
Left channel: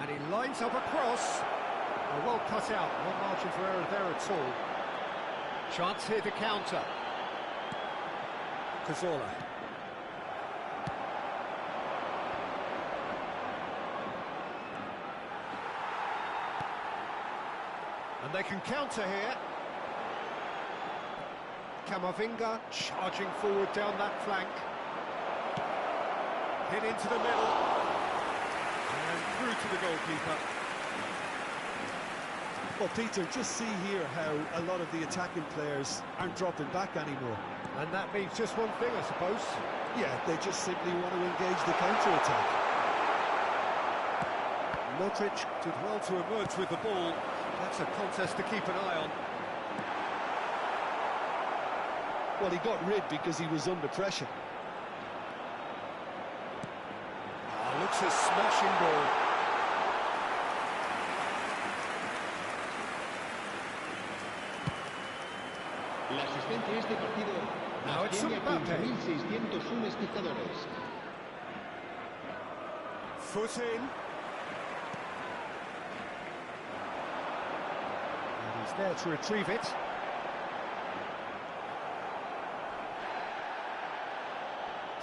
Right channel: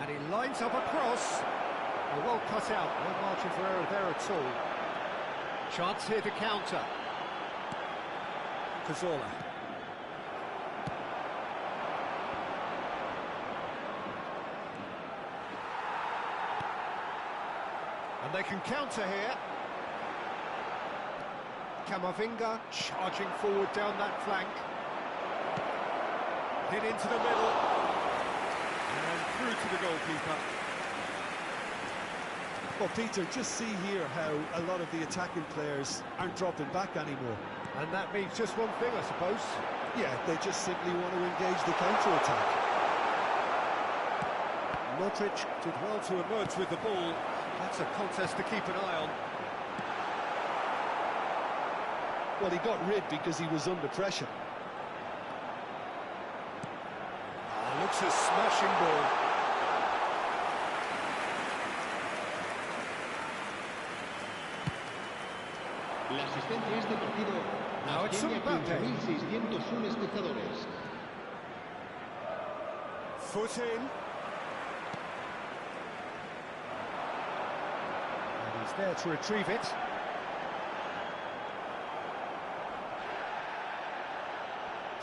And he lines up a cross. Oh, well cut out, no margin for error there at all. Chance here to counter. Cazorla. And they can counter here. Camavinga charging forward down that flank. Hit into the middle. And through to the goalkeeper. Well, Peter, just see here how a lot of the attacking players aren't dropping back anymore. And that means just one thing, I suppose. Yeah, they just simply want to engage the counter-attack. Modric did well to emerge with the ball. That's a contest to keep an eye on. Well, he got rid because he was under pressure. Looks a smashing ball. La asistencia a este partido Now it's asciende a Mbappe. 15.601 espectadores. Foot in. And he's there to retrieve it.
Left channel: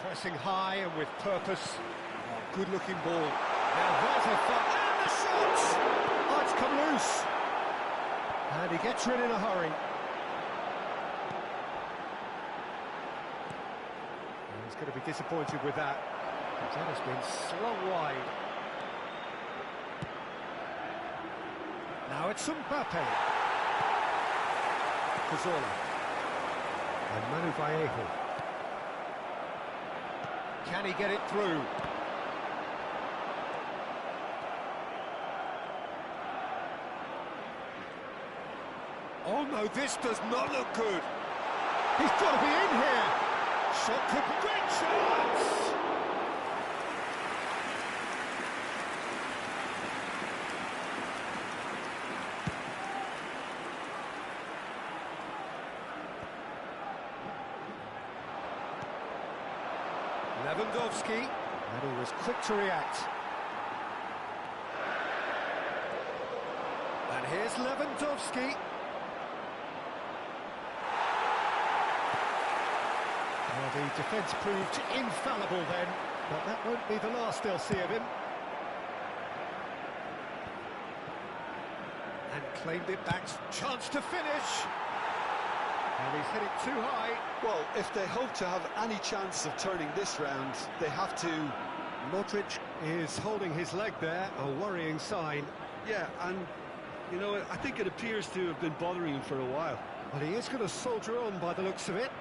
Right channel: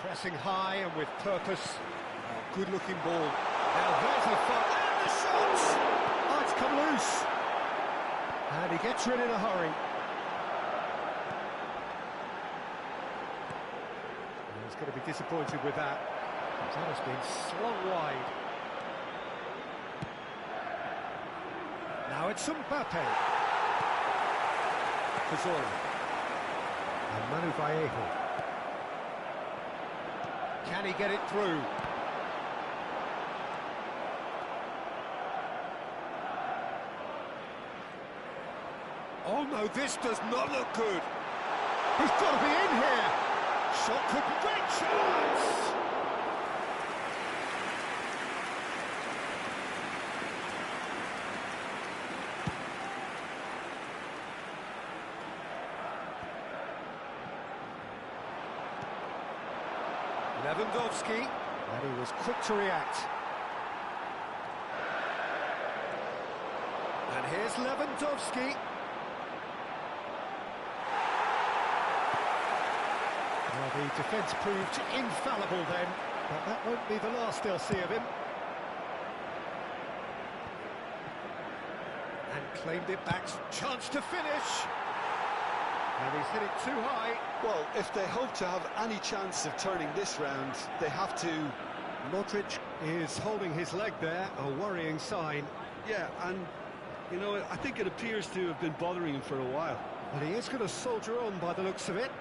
Pressing high and with purpose. Oh, good-looking ball. Now there's a fire. And the shot! Oh, it's come loose. And he gets rid in a hurry. He's going to be disappointed with that. That has been slung wide. Now it's Mbappe. Cazorla. And Manu Vallejo. Can he get it through? Oh no, this does not look good. He's got to be in here. Shot could be great chance. Lewandowski, and he was quick to react. And here's Lewandowski. Well, the defence proved infallible then, but that won't be the last they'll see of him. And claimed it back, chance to finish. And he's hit it too high. Well, if they hope to have any chance of turning this round, they have to... Modric is holding his leg there, a worrying sign. Yeah, and, you know, I think it appears to have been bothering him for a while. Well, he is going to soldier on by the looks of it.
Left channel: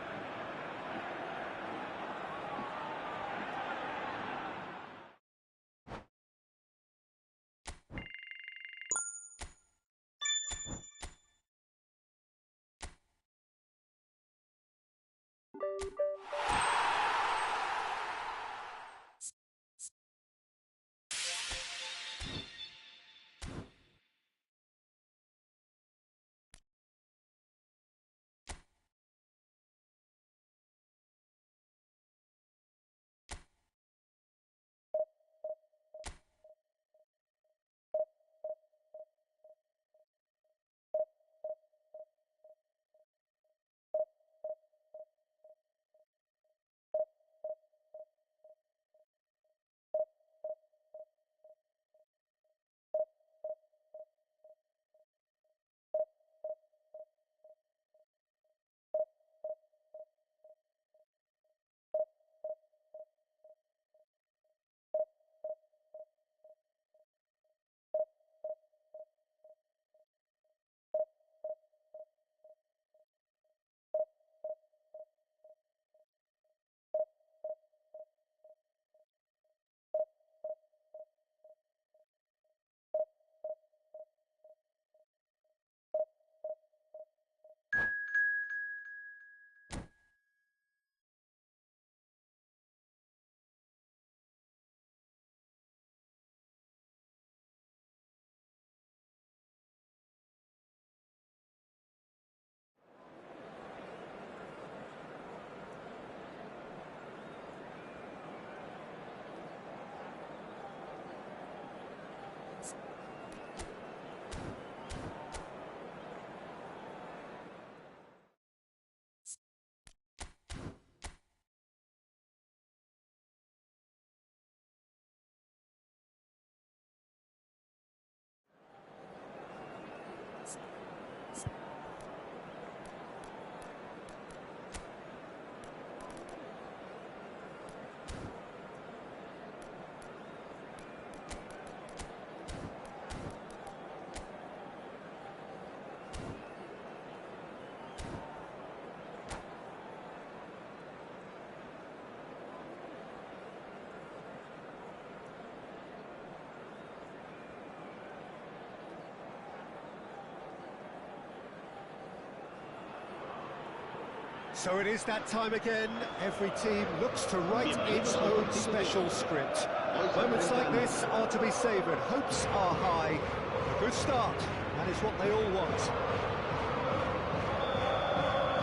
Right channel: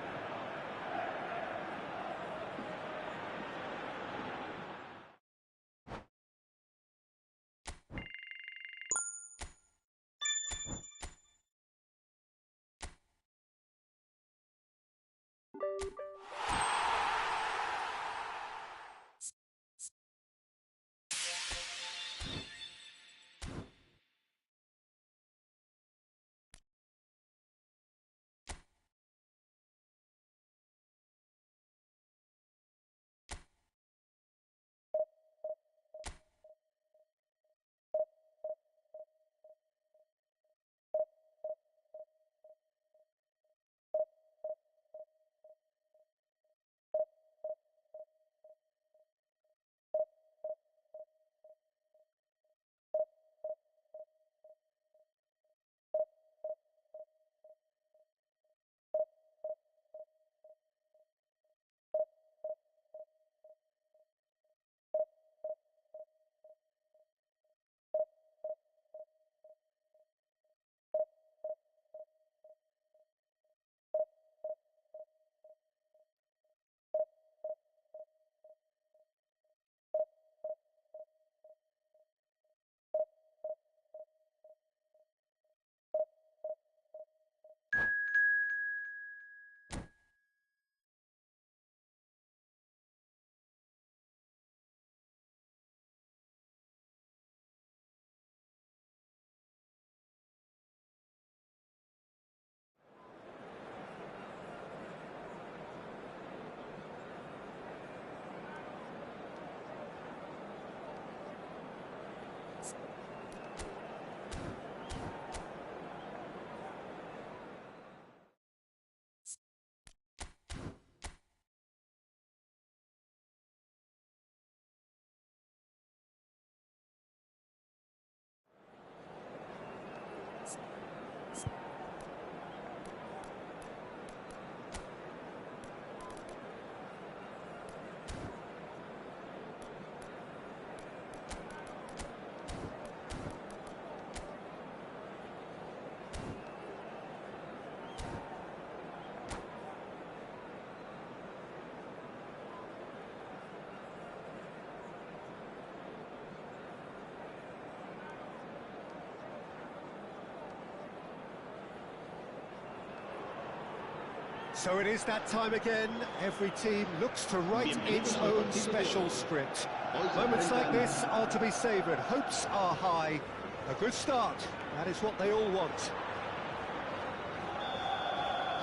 So it is that time again. Every team looks to write its own special script. Moments like this are to be savoured. Hopes are high. A good start. That is what they all want.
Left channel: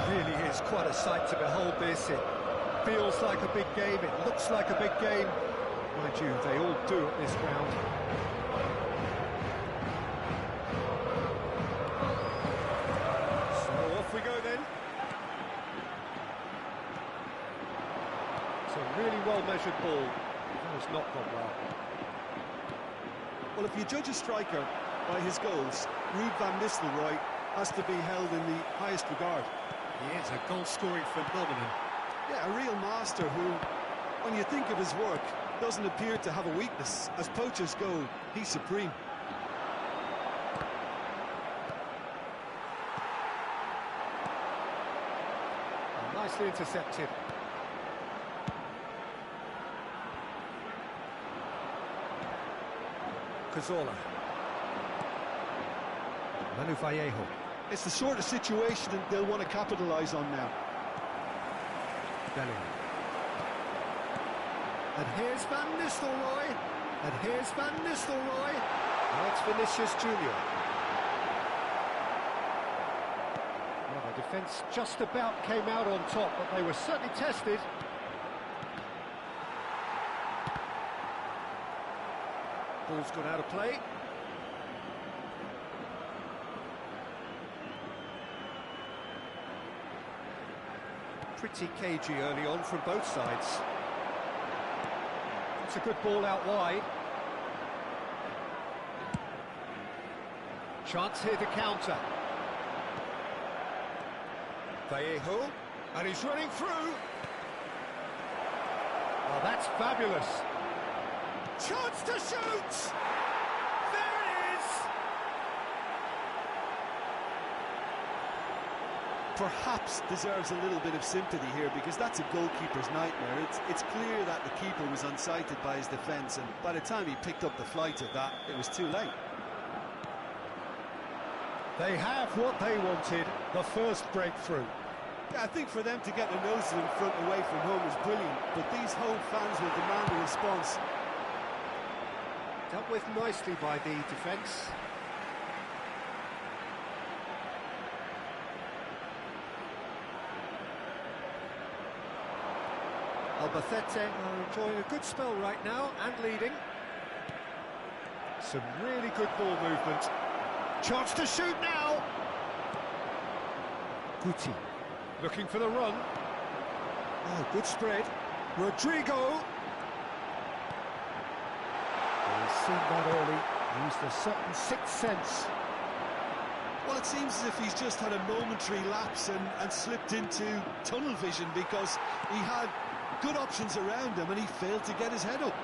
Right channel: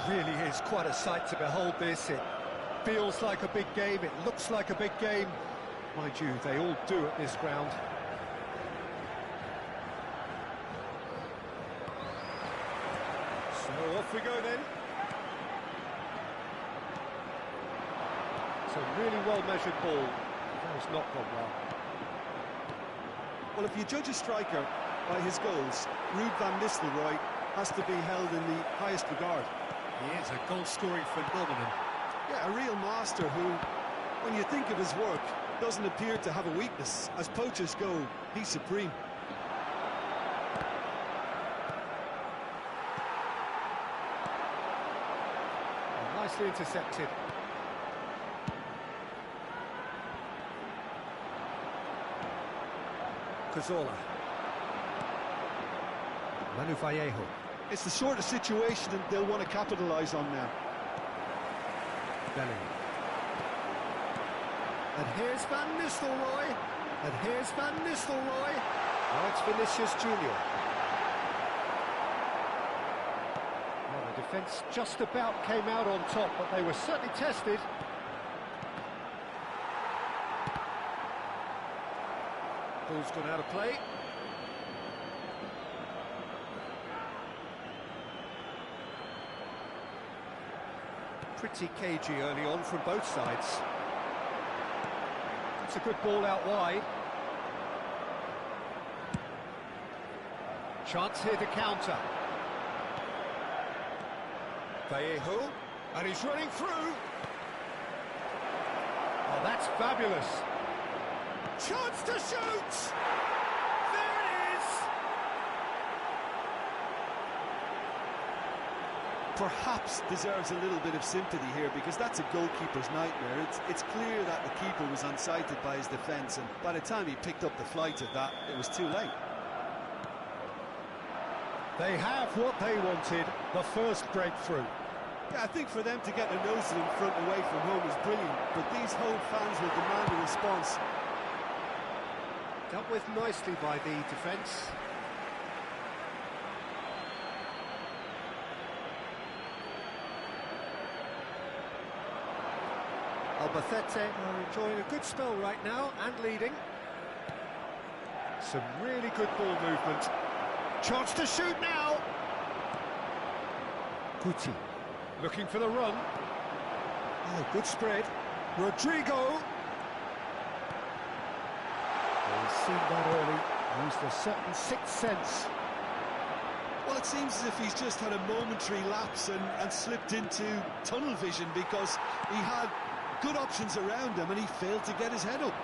Really is quite a sight to behold this. It feels like a big game. It looks like a big game. Mind you, they all do at this ground. So off we go then. It's a really well-measured ball. That has not gone well. Well, if you judge a striker by his goals, Ruud van Nistelrooy has to be held in the highest regard. He is a goal-scoring phenomenon. Yeah, a real master who, when you think of his work, doesn't appear to have a weakness. As poachers go, he's supreme. Oh, nicely intercepted. Cazorla. Manu Vallejo. It's the sort of situation that they'll want to capitalise on now. Bellingham. And here's Van Nistelrooy. And here's Van Nistelrooy. Now it's Vinicius Junior. Well, the defence just about came out on top, but they were certainly tested. Ball's gone out of play. Pretty cagey early on from both sides. It's a good ball out wide. Chance here to counter. Vallejo, and he's running through. Oh, that's fabulous. Chance to shoot! There it is! Perhaps deserves a little bit of sympathy here, because that's a goalkeeper's nightmare. It's clear that the keeper was unsighted by his defence, and by the time he picked up the flight of that, it was too late. They have what they wanted, the first breakthrough. Yeah, I think for them to get their noses in front away from home was brilliant, but these home fans will demand a response. Dealt with nicely by the defence. Albacete are enjoying a good spell right now and leading. Some really good ball movement. Chance to shoot now. Guti looking for the run. Oh, good spread. Rodrigo. He's seen that early. Used a certain sixth sense. Well, it seems as if he's just had a momentary lapse and slipped into tunnel vision, because he had good options around him and he failed to get his head up.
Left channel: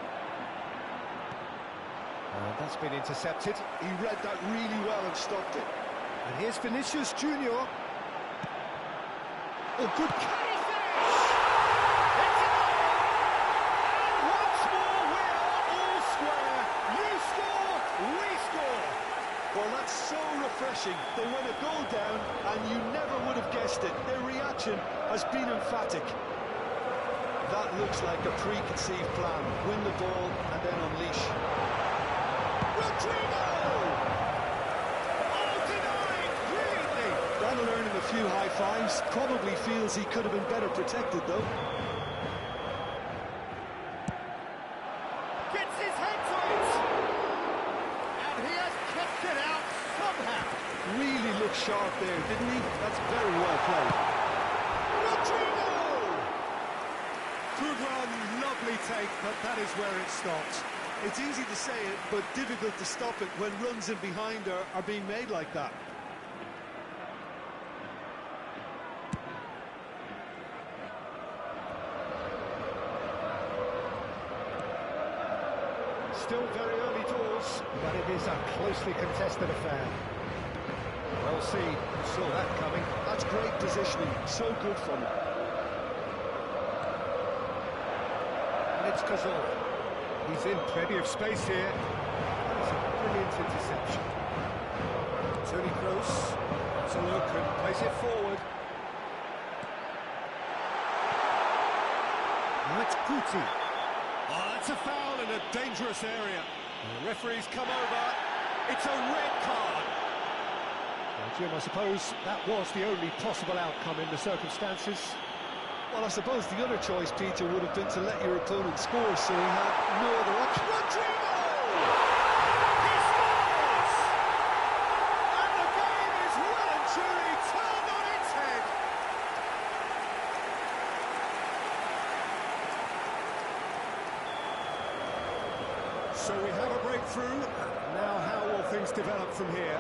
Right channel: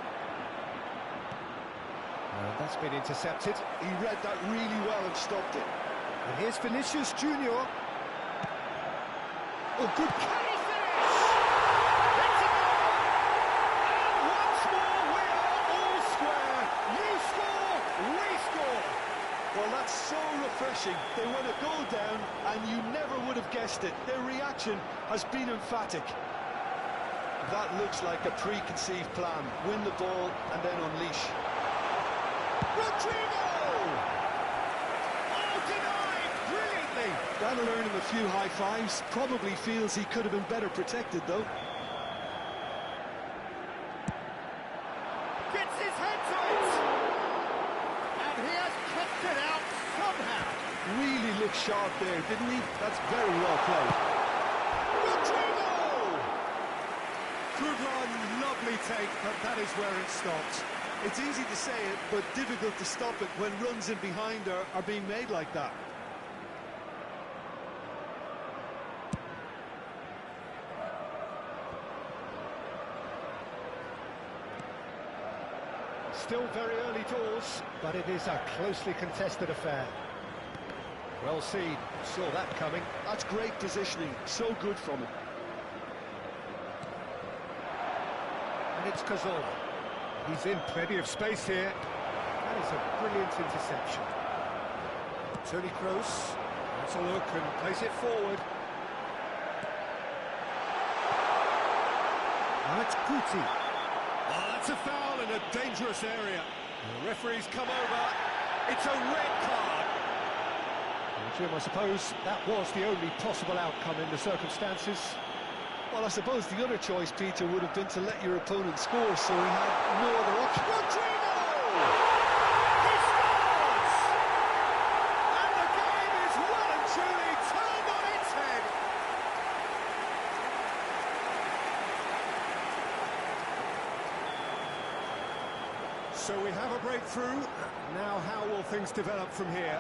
And that's been intercepted. He read that really well and stopped it. And here's Vinicius Junior. Oh, good carry finish! It's a goal! And once more we are all square. You score, we score. Well, that's so refreshing. They went a goal down and you never would have guessed it. Their reaction has been emphatic. That looks like a preconceived plan. Win the ball and then unleash. Rodrigo! Oh, denied brilliantly! That'll earn him a few high fives. Probably feels he could have been better protected, though. Gets his head to it! And he has kept it out somehow. Really looked sharp there, didn't he? That's very well played. Rodrigo! Good run, lovely take, but that is where it stopped. It's easy to say it, but difficult to stop it when runs in behind are being made like that. Still very early doors, but it is a closely contested affair. Well seen, saw that coming. That's great positioning, so good from him. And it's Cazorla. He's in plenty of space here. That is a brilliant interception. Toni Kroos has a look and plays it forward. Now it's Guti. Oh, that's a foul in a dangerous area. The referee's come over. It's a red card. Well, Jim, I suppose that was the only possible outcome in the circumstances. Well, I suppose the other choice, Peter, would have been to let your opponent score, so he had no other option. Rodrigo! He scores! And the game is well and truly turned on its head. So we have a breakthrough. Now how will things develop from here?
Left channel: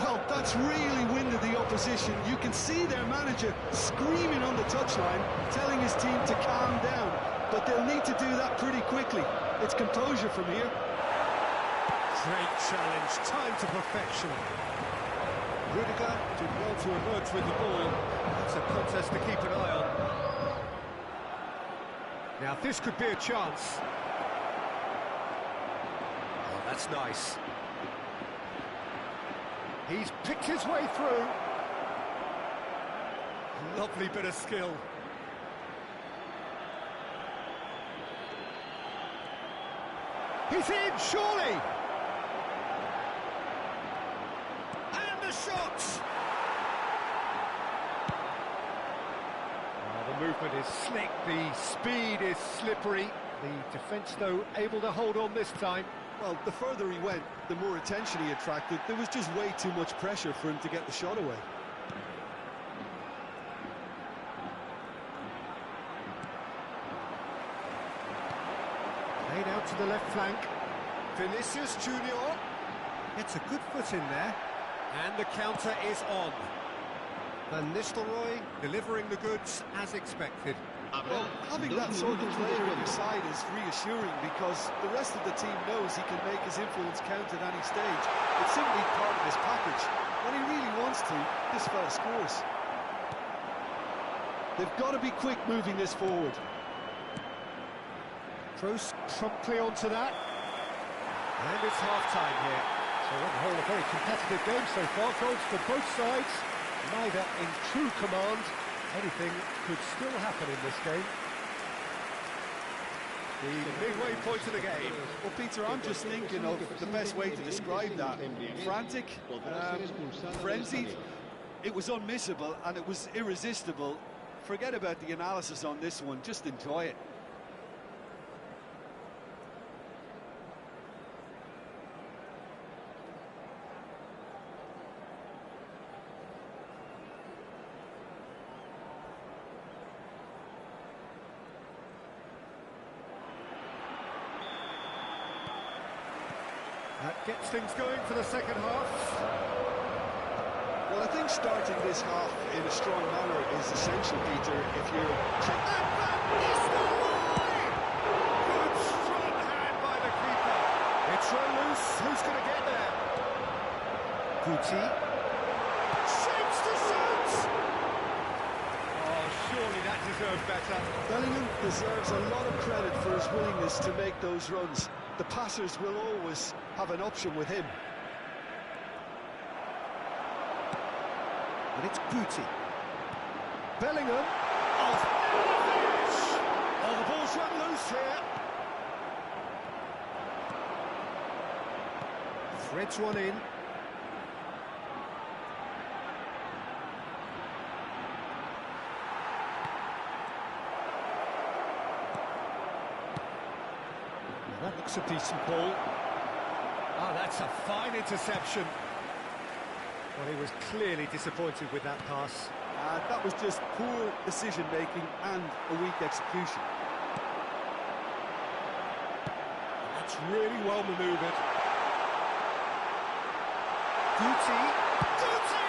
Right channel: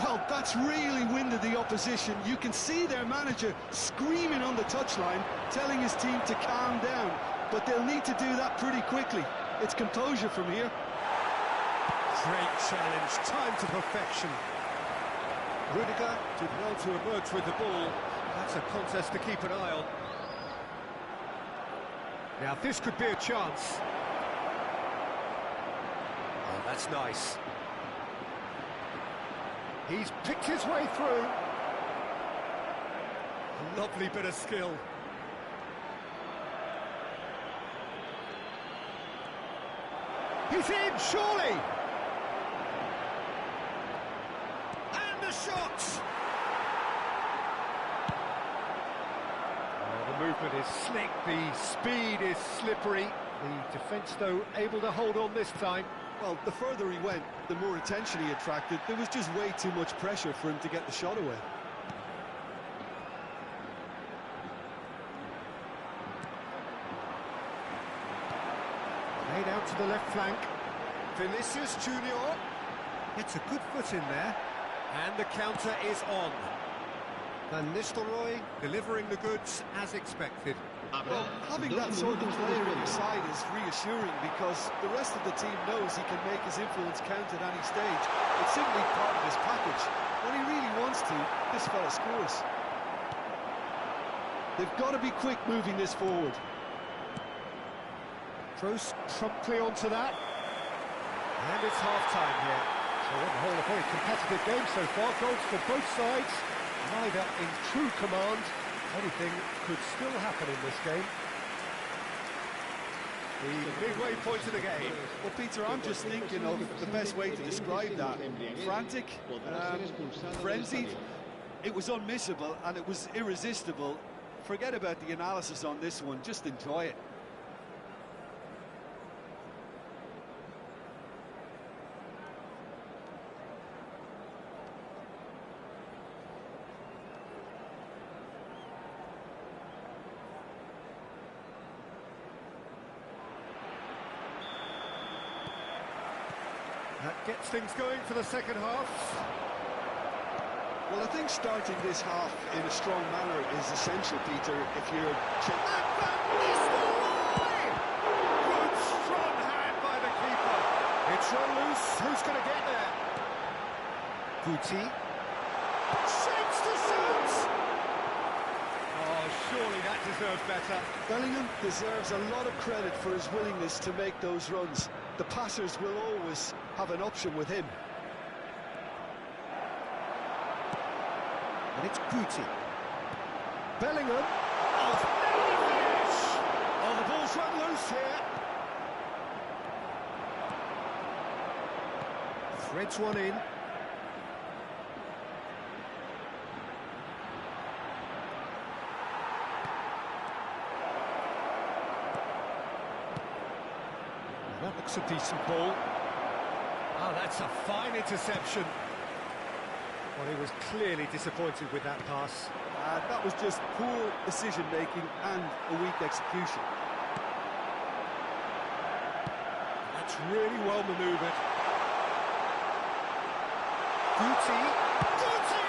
Well, that's really winded the opposition. You can see their manager screaming on the touchline, telling his team to calm down. But they'll need to do that pretty quickly. It's composure from here. Great challenge, time to perfection. Rudiger did well to emerge with the ball. That's a contest to keep an eye on. Now this could be a chance. Oh, that's nice. He's picked his way through. Lovely bit of skill. He's in, surely! And the shot! Oh, the movement is slick, the speed is slippery. The defence, though, able to hold on this time. Well, the further he went, the more attention he attracted. There was just way too much pressure for him to get the shot away. Played out to the left flank. Vinicius Junior gets a good foot in there. And the counter is on. Van Nistelrooy delivering the goods as expected. Well, having that sort of player in your side is reassuring because the rest of the team knows he can make his influence count at any stage. It's simply part of his package. When he really wants to, this fella scores. They've got to be quick moving this forward. Throws promptly onto that. And it's half-time here. So on the whole, a very competitive game so far. Goals for both sides, neither in true command. Anything could still happen in this game. The midway point of the game. Well, Peter, I'm just thinking of the best way to describe that. Frantic, frenzied. It was unmissable and it was irresistible. Forget about the analysis on this one, just enjoy it. That gets things going for the second half. Well, I think starting this half in a strong manner is essential, Peter, if you're... And Van Nistelrooy! Good strong hand by the keeper. It's run loose. Who's going to get there? Guti. Shapes to shoot! Oh, surely that deserved better. Bellingham deserves a lot of credit for his willingness to make those runs. The passers will always have an option with him. And it's Guti. Bellingham. Oh, the finish! Oh, the ball's run loose here. Threads one in. That looks a decent ball. Oh, that's a fine interception. Well, he was clearly disappointed with that pass. That was just poor decision-making and a weak execution. That's really well manoeuvred. Guti! Guti!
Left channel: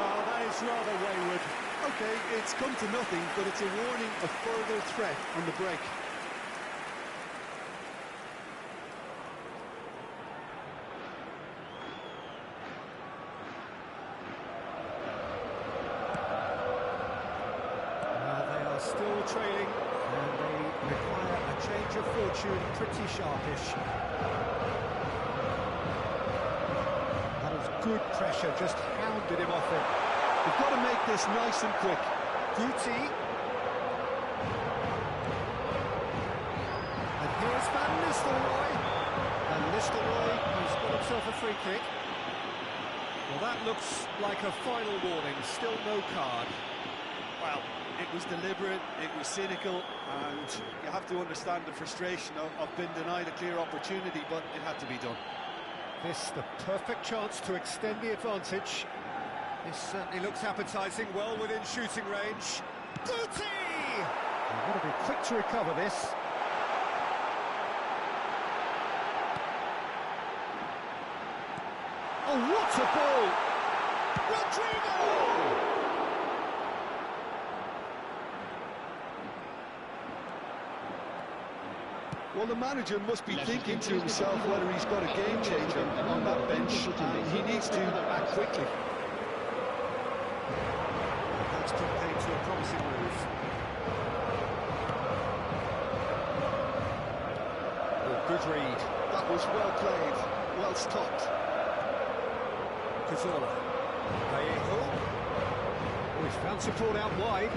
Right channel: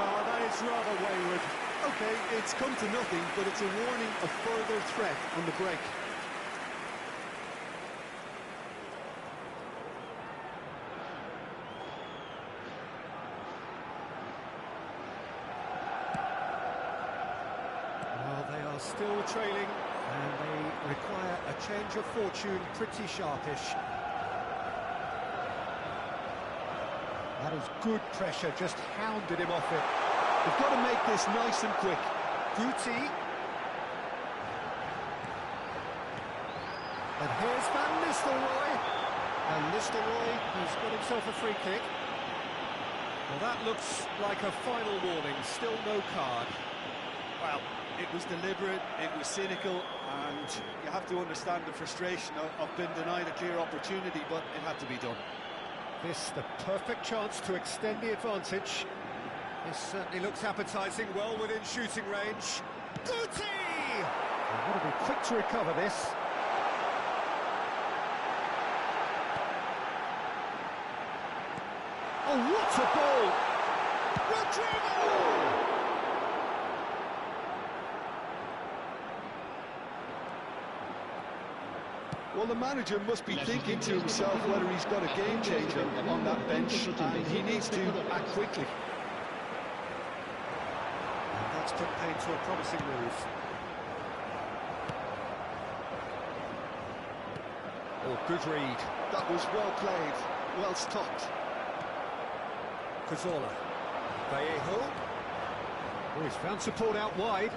Oh, that is rather wayward. OK, it's come to nothing, but it's a warning of further threat on the break. Still trailing, and they require a change of fortune pretty sharpish. That is good pressure, just hounded him off it. They've got to make this nice and quick. Guti. And here's Van Nistelrooy. And Nistelrooy has got himself a free kick. Well, that looks like a final warning, still no card. Well, it was deliberate, it was cynical, and you have to understand the frustration of being denied a clear opportunity, but it had to be done. This the perfect chance to extend the advantage. This certainly looks appetising, well within shooting range. Guti! They've got to be quick to recover this. Oh, what a ball! Rodrigo! Well, the manager must be thinking to himself whether he's got a game changer on that bench, and he needs to act quickly. That's put paid to a promising move. Oh, good read. That was well played, well stopped. Cazorla. Vallejo. Oh, he's found support out wide.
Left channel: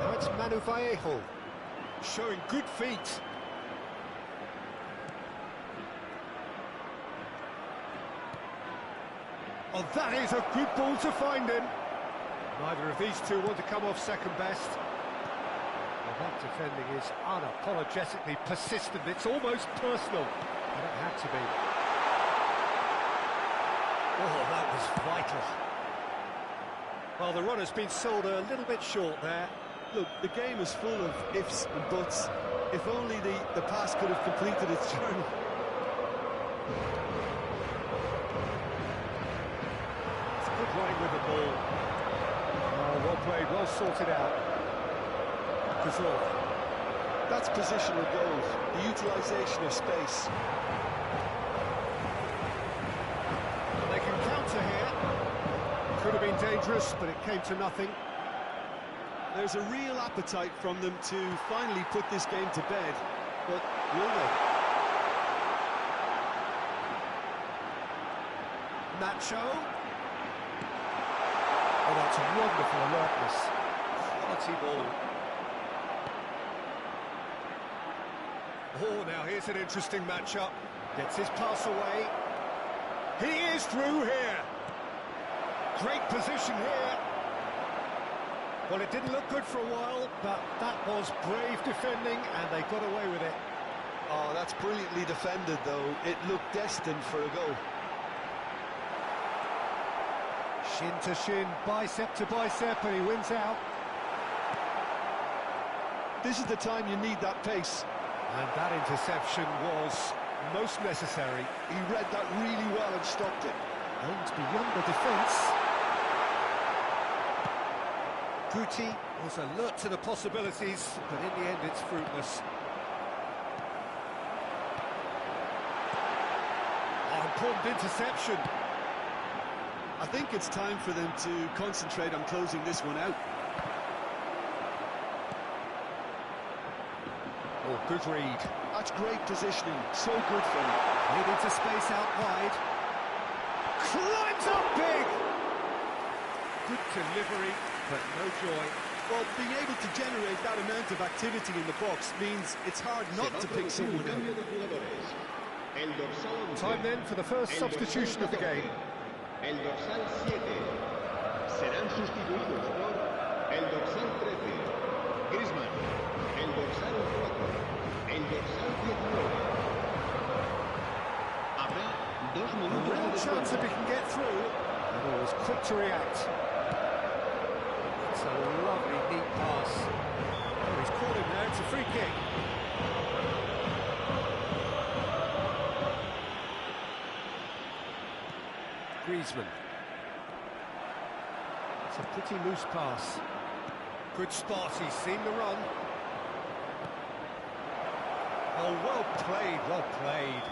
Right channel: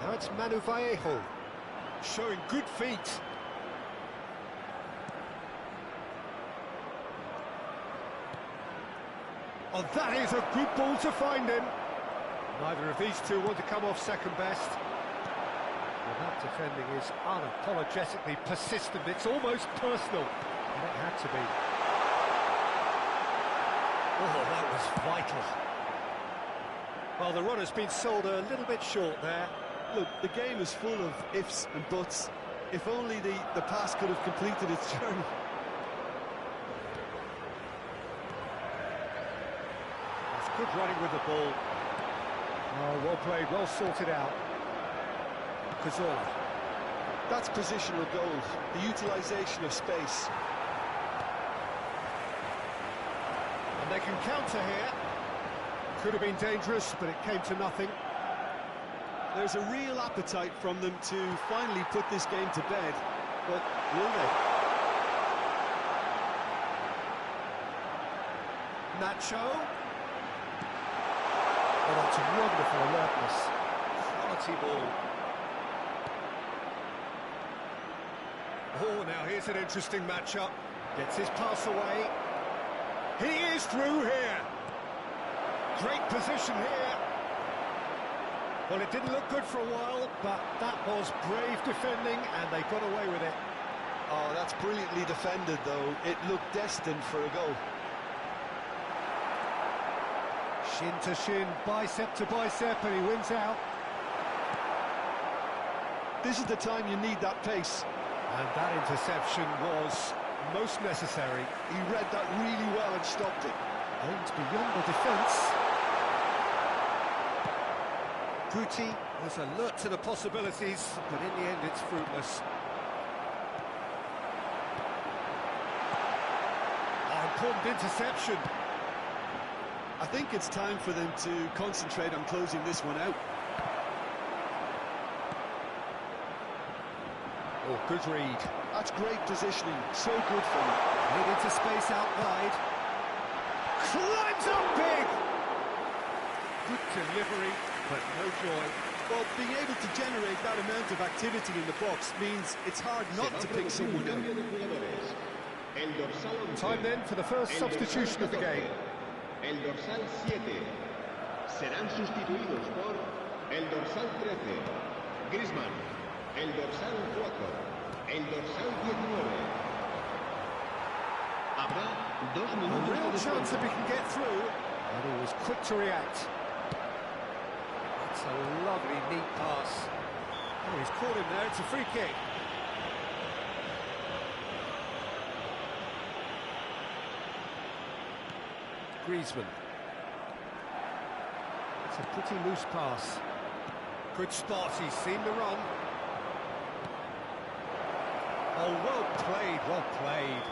Now it's Manu Vallejo. Showing good feet. Oh, that is a good ball to find him. Neither of these two want to come off second best. Well, that defending is unapologetically persistent. It's almost personal. And it had to be. Oh, that was vital. Well, the runner's been sold a little bit short there. Look, the game is full of ifs and buts. If only the pass could have completed its journey. It's good running with the ball. Oh, well played, well sorted out. Cazorla. That's positional goals, the utilisation of space. And they can counter here. Could have been dangerous, but it came to nothing. There's a real appetite from them to finally put this game to bed, but will they? Nacho. Oh, that's wonderful alertness. Quality ball. Oh, now here's an interesting matchup. Gets his pass away. He is through here. Great position here. Well, it didn't look good for a while, but that was brave defending, and they got away with it. Oh, that's brilliantly defended, though. It looked destined for a goal. Shin to shin, bicep to bicep, and he wins out. This is the time you need that pace. And that interception was most necessary. He read that really well and stopped it. Aims beyond the defence. Guti was alert to the possibilities, but in the end it's fruitless. Oh, important interception. I think it's time for them to concentrate on closing this one out. Oh, good read. That's great positioning, so good from him. Played into space out wide. Climbs up big! Good delivery, but no joy. Well, being able to generate that amount of activity in the box means it's hard not to pick someone out. Time then for the first substitution of the game. El dorsal 7 serán sustituidos por el dorsal 13, Griezmann, el dorsal 4, el dorsal 19. Habrá 2 minutos de real chance descuento. if he can get through, and he was quick to react. It's a lovely, neat pass. Oh, he's caught him there, it's a free kick. Griezmann. It's a pretty loose pass. Good spot, he's seen the run. Oh, well played, well played.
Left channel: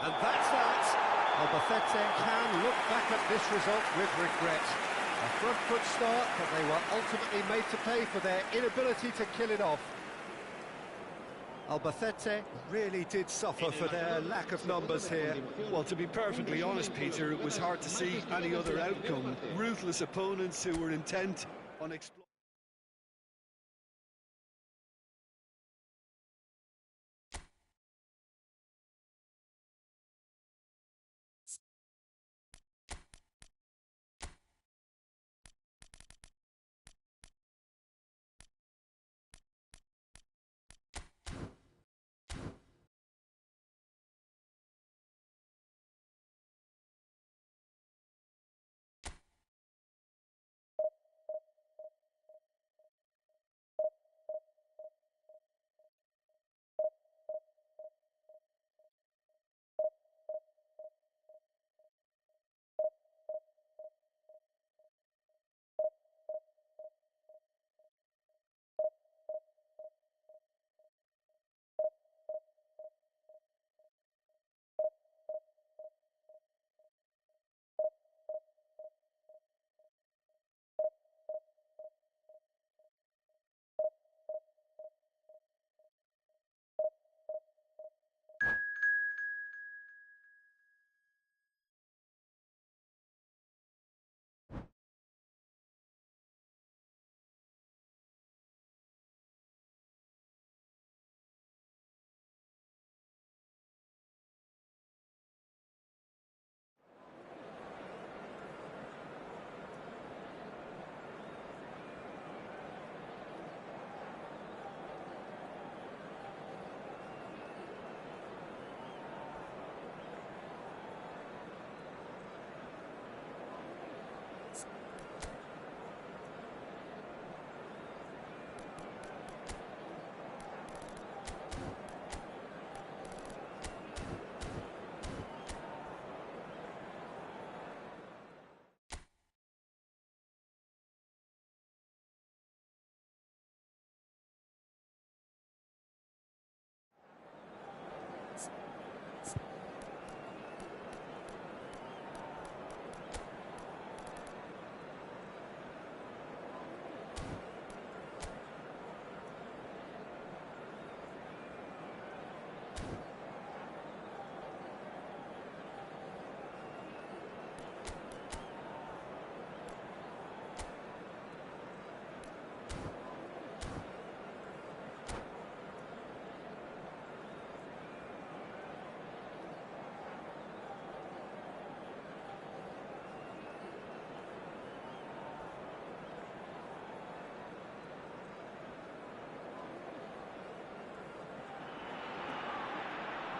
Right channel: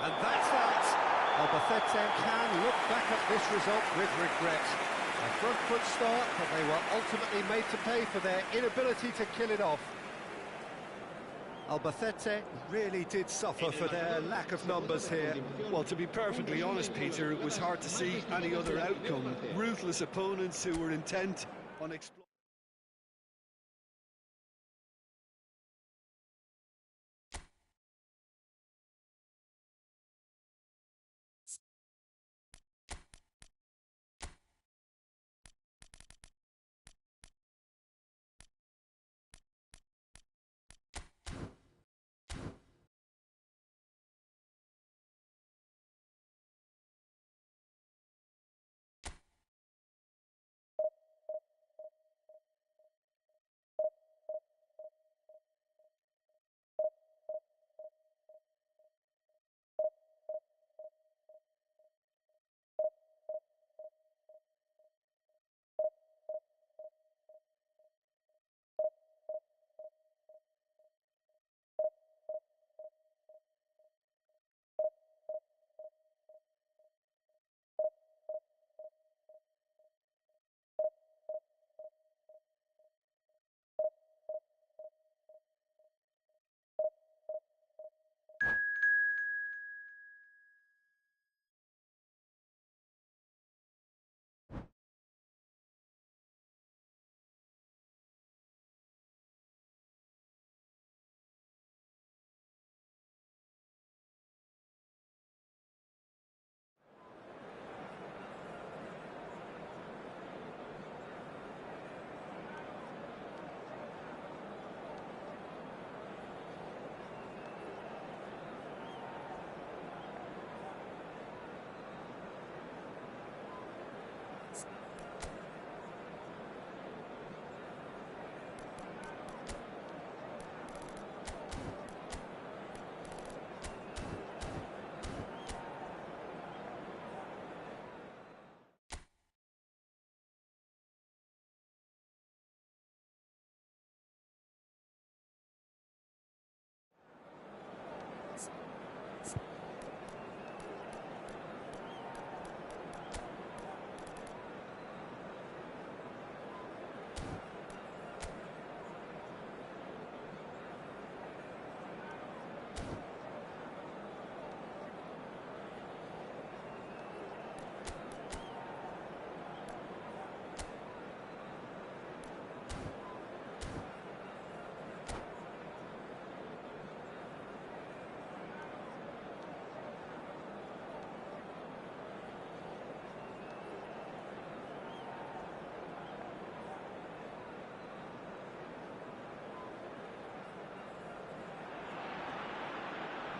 And that's that. Albacete can look back at this result with regret. A front foot start, but they were ultimately made to pay for their inability to kill it off. Albacete really did suffer for their lack of numbers here. Well, to be perfectly honest, Peter, it was hard to see any other outcome. Ruthless opponents who were intent on exploiting.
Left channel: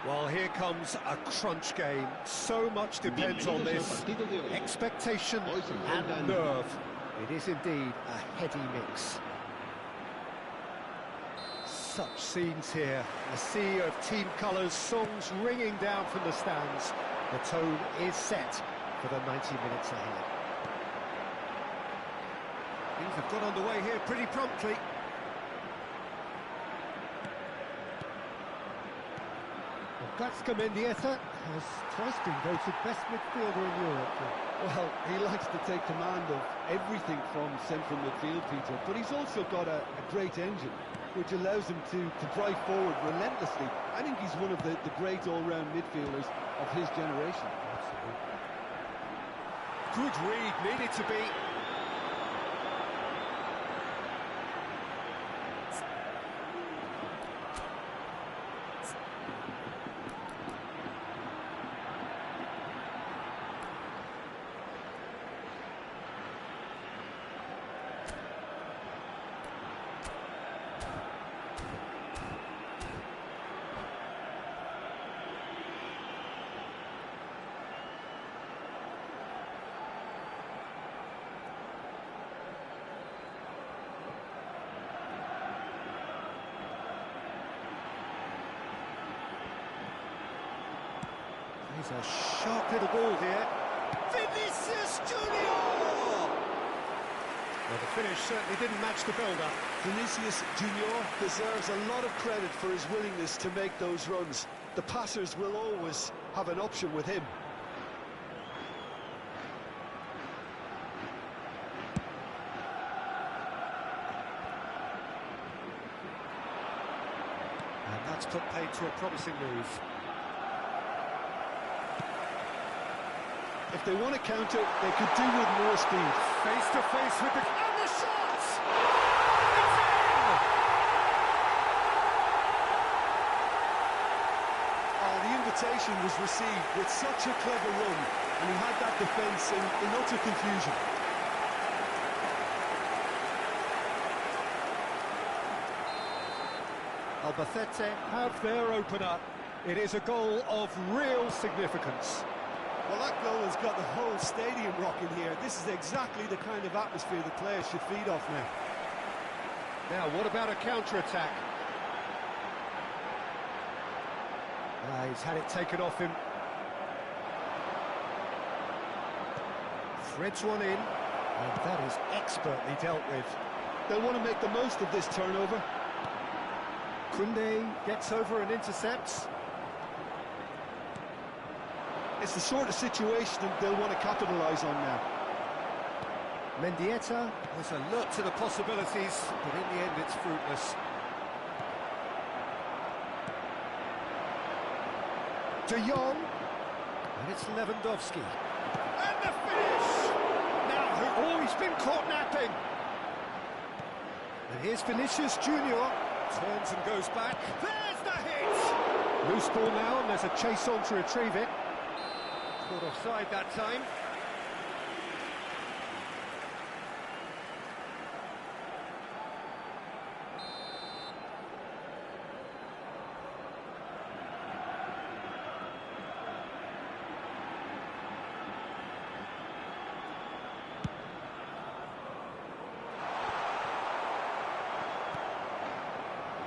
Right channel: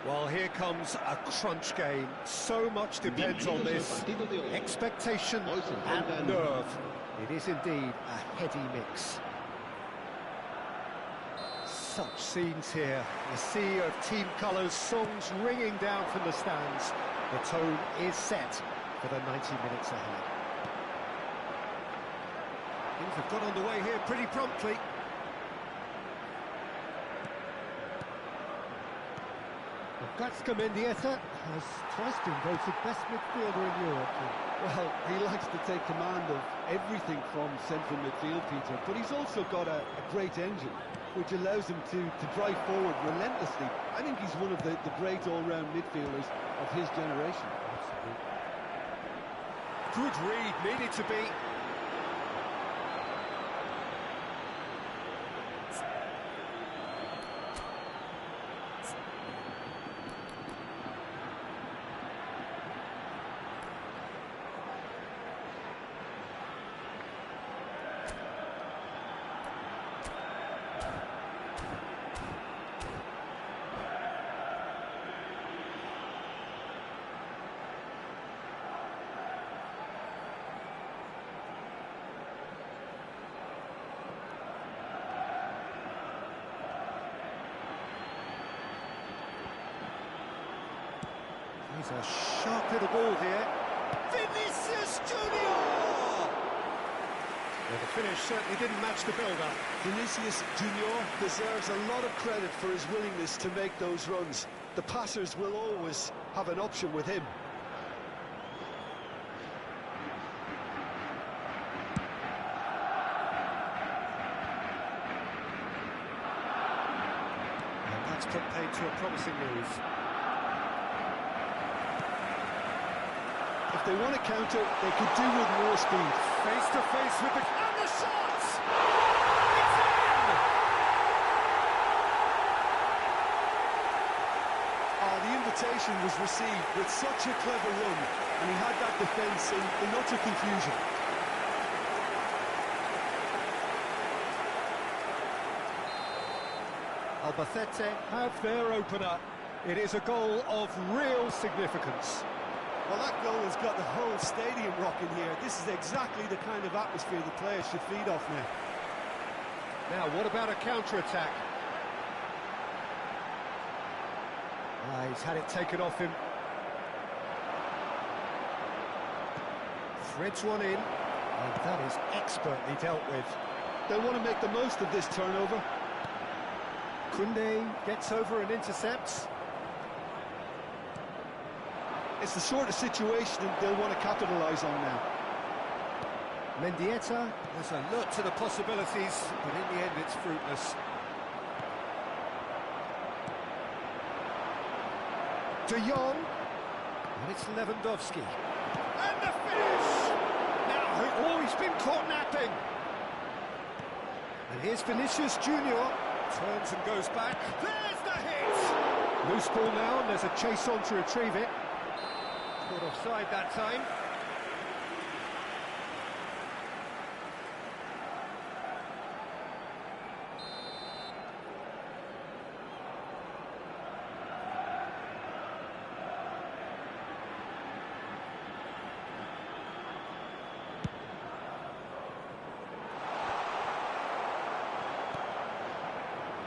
Well, here comes a crunch game. So much depends on this. Expectation and nerve. It is indeed a heady mix. Such scenes here. A sea of team colours, songs ringing down from the stands. The tone is set for the 90 minutes ahead. Things have got underway here pretty promptly. Gatska Mendieta has twice been voted best midfielder in Europe. Well, he likes to take command of everything from central midfield, Peter, but he's also got a great engine, which allows him to drive forward relentlessly. I think he's one of the great all-round midfielders of his generation. Absolutely. Good read, needed to be. He's a sharp little ball here. Vinicius Junior! Well, the finish certainly didn't match the build-up. Vinicius Junior deserves a lot of credit for his willingness to make those runs. The passers will always have an option with him. And that's put paid to a promising move. If they want to counter, they could do with more speed. Face to face with the... And the shot! It's in! Oh, the invitation was received with such a clever run, and he had that defence in utter confusion. Albacete have their opener. It is a goal of real significance. Well, that goal has got the whole stadium rocking here. This is exactly the kind of atmosphere the players should feed off now. Now, what about a counter-attack? He's had it taken off him. Threads one in, and that is expertly dealt with. They'll want to make the most of this turnover. Koundé gets over and intercepts. It's the sort of situation they'll want to capitalise on now. Mendieta was alert to the possibilities, but in the end it's fruitless. De Jong, and it's Lewandowski. And the finish! Now, he's been caught napping. And here's Vinicius Junior, turns and goes back. There's the hit! Loose ball now, and there's a chase on to retrieve it. Caught offside that time.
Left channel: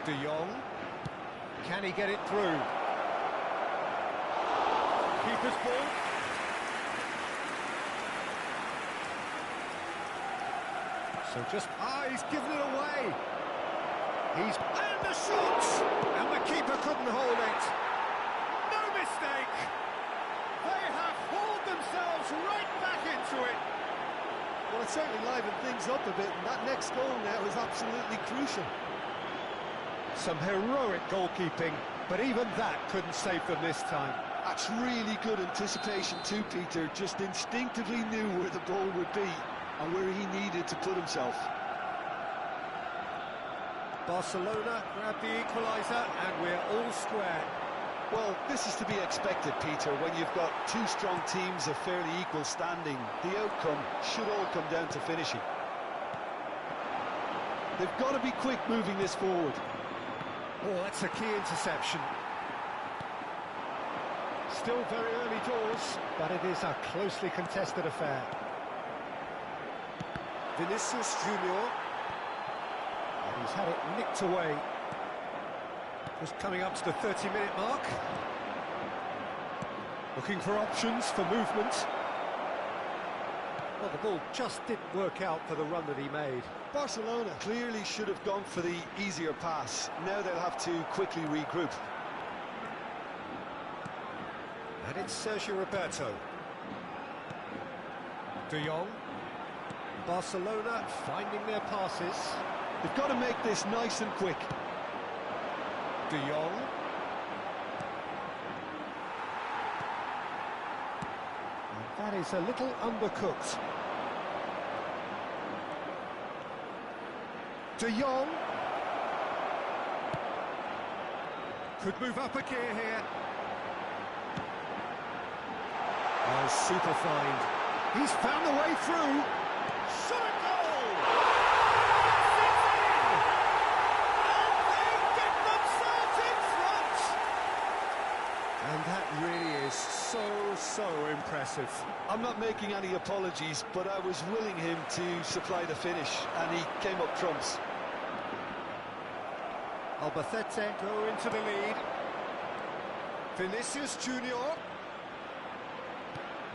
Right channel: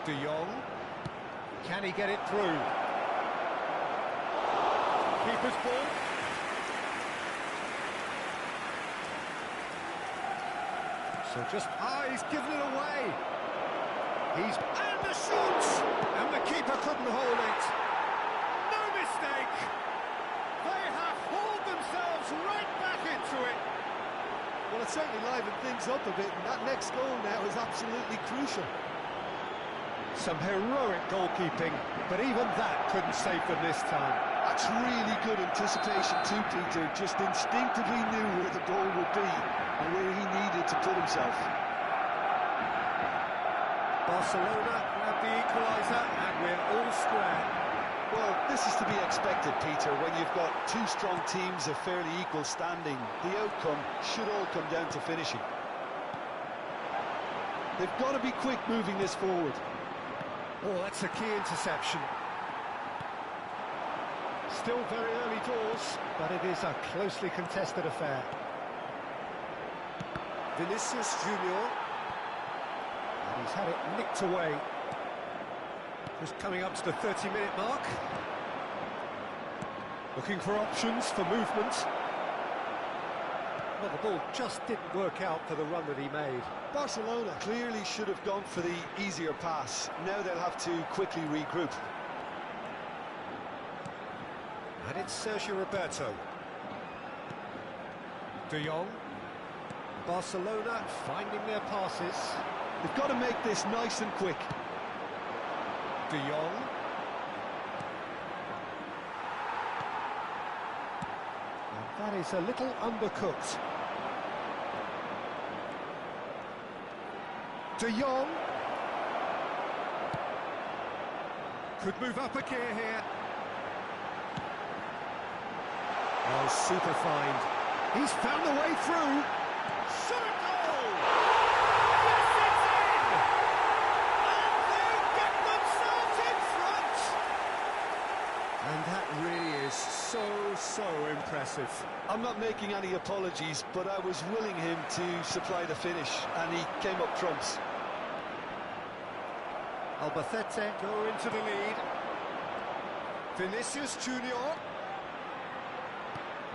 De Jong. Can he get it through? Keeper's ball. So just... he's given it away. And the shot! And the keeper couldn't hold it. No mistake. They have hauled themselves right back into it. Well, it certainly livened things up a bit, and that next goal now is absolutely crucial. Some heroic goalkeeping, but even that couldn't save them this time. That's really good anticipation too, Peter. Just instinctively knew where the ball would be and where he needed to put himself. Barcelona grab the equaliser, and we're all square. Well, this is to be expected, Peter. When you've got two strong teams of fairly equal standing, the outcome should all come down to finishing. They've got to be quick moving this forward. Oh, that's a key interception. Still very early doors, but it is a closely contested affair. Vinicius Junior. And he's had it nicked away. Just coming up to the 30-minute mark. Looking for options for movement. Well, the ball just didn't work out for the run that he made. Barcelona clearly should have gone for the easier pass. Now they'll have to quickly regroup. And it's Sergio Roberto. De Jong. Barcelona finding their passes. They've got to make this nice and quick. De Jong. And that is a little undercooked. De Jong. Could move up a gear here. Oh, super find. He's found the way through. Shot a goal! Yes, it's in! And they get themselves in front! And that really is so impressive. I'm not making any apologies, but I was willing him to supply the finish, and he came up trumps. Albacete go into the lead. Vinicius Junior.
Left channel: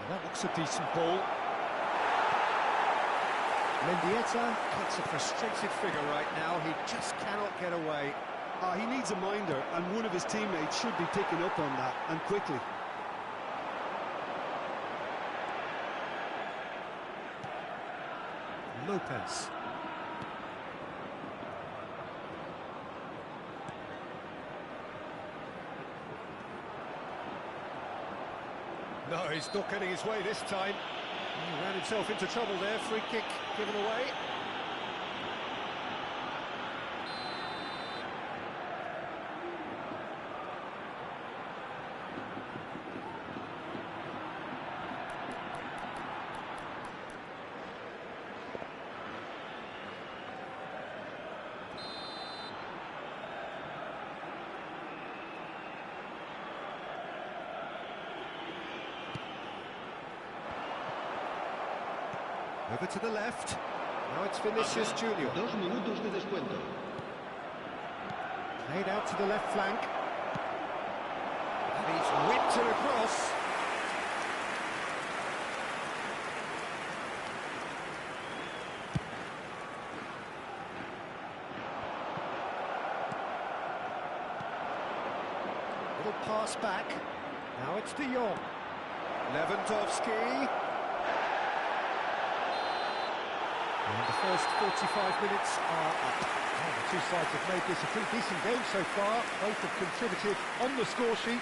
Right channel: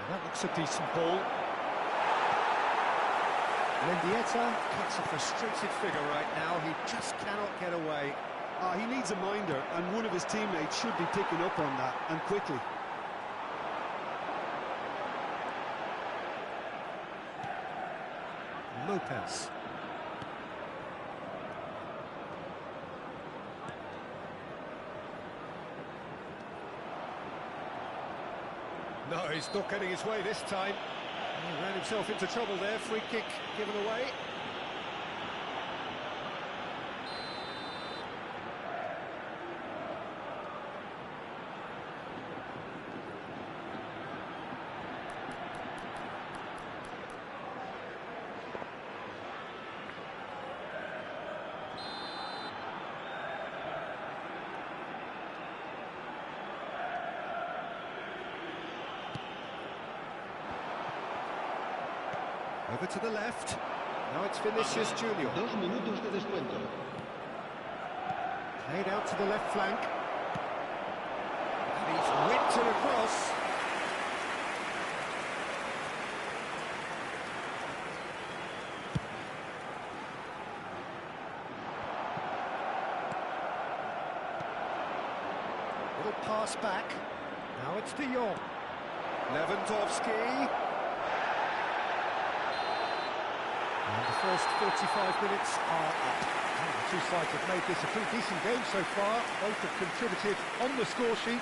That looks a decent ball. Mendieta cuts a frustrated figure right now. He just cannot get away. He needs a minder, and one of his teammates should be picking up on that, and quickly. Lopez. No, he's not getting his way this time. He ran himself into trouble there. Free kick given away. Over to the left. Now it's Vinicius Junior. 2 minutos de descuento. Played out to the left flank. And he's whipped it across. Little pass back. Now it's De Jong. Lewandowski. And the first 45 minutes are up. And the two sides have made this a pretty decent game so far. Both have contributed on the score sheet.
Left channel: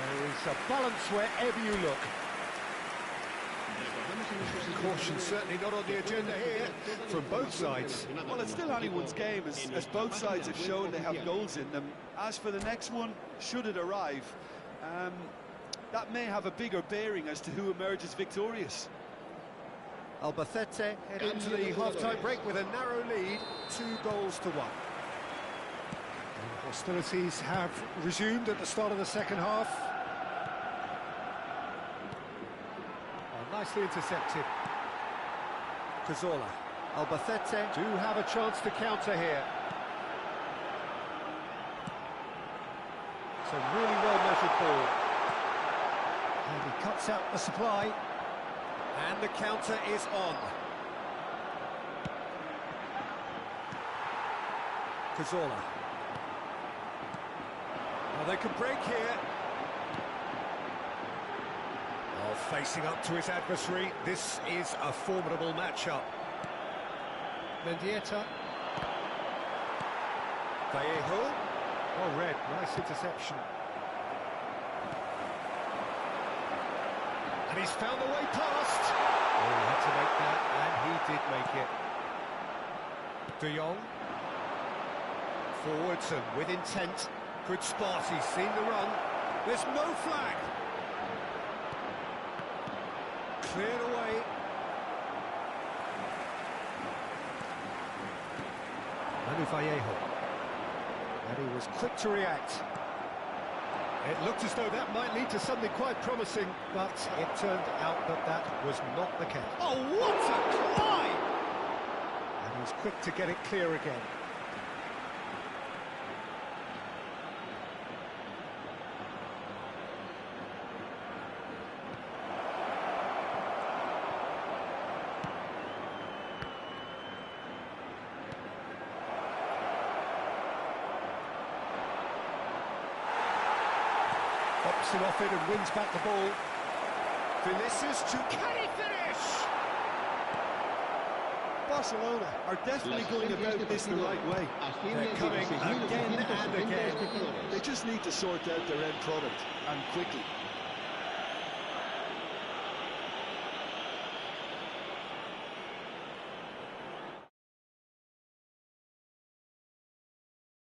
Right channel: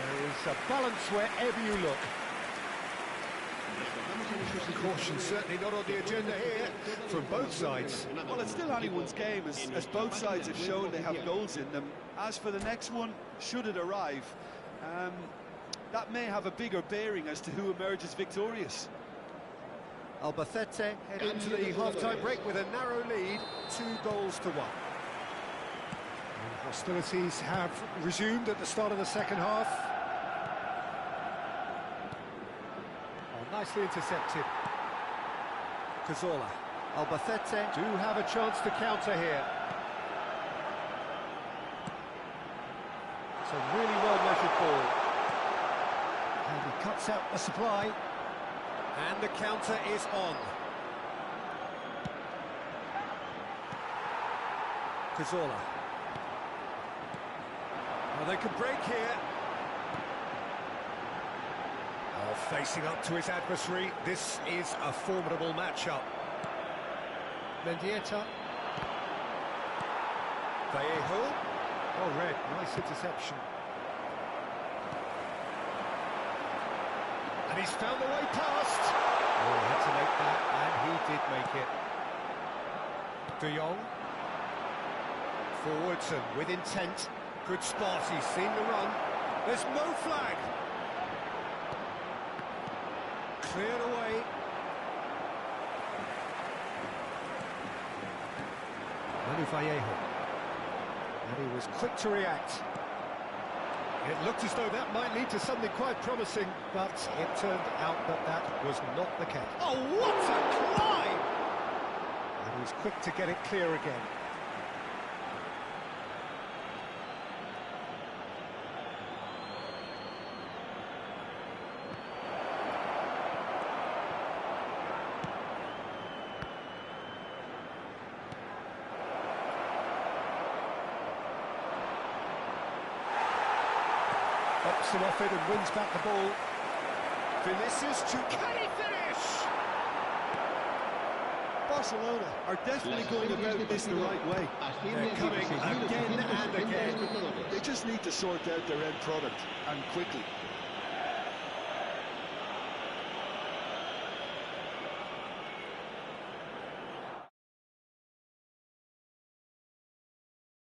There is a balance wherever you look. Caution certainly not on the agenda here from both sides. Well, it's still anyone's game, as both sides have shown they have goals in them. As for the next one, should it arrive, that may have a bigger bearing as to who emerges victorious. Albacete head into the half-time break with a narrow lead, 2-1. And hostilities have resumed at the start of the second half. Oh, nicely intercepted. Cazorla. Albacete do have a chance to counter here. It's a really well-measured ball. And he cuts out the supply. And the counter is on. Cazorla. Well, they can break here. Oh, facing up to his adversary. This is a formidable matchup. Mendieta. Vallejo. Oh, red. Nice interception. And he's found the way past. Oh, he had to make that, and he did make it. De Jong. Forwards and with intent. Good spot, he's seen the run. There's no flag. Cleared away. Manu Vallejo. And he was quick to react. It looked as though that might lead to something quite promising, but it turned out that that was not the case. Oh, what a climb! And he was quick to get it clear again. Pops him off it and wins back the ball. Vinicius to... Can he finish? Barcelona are definitely going about this the right way. They're coming again and again. They just need to sort out their end product, and quickly.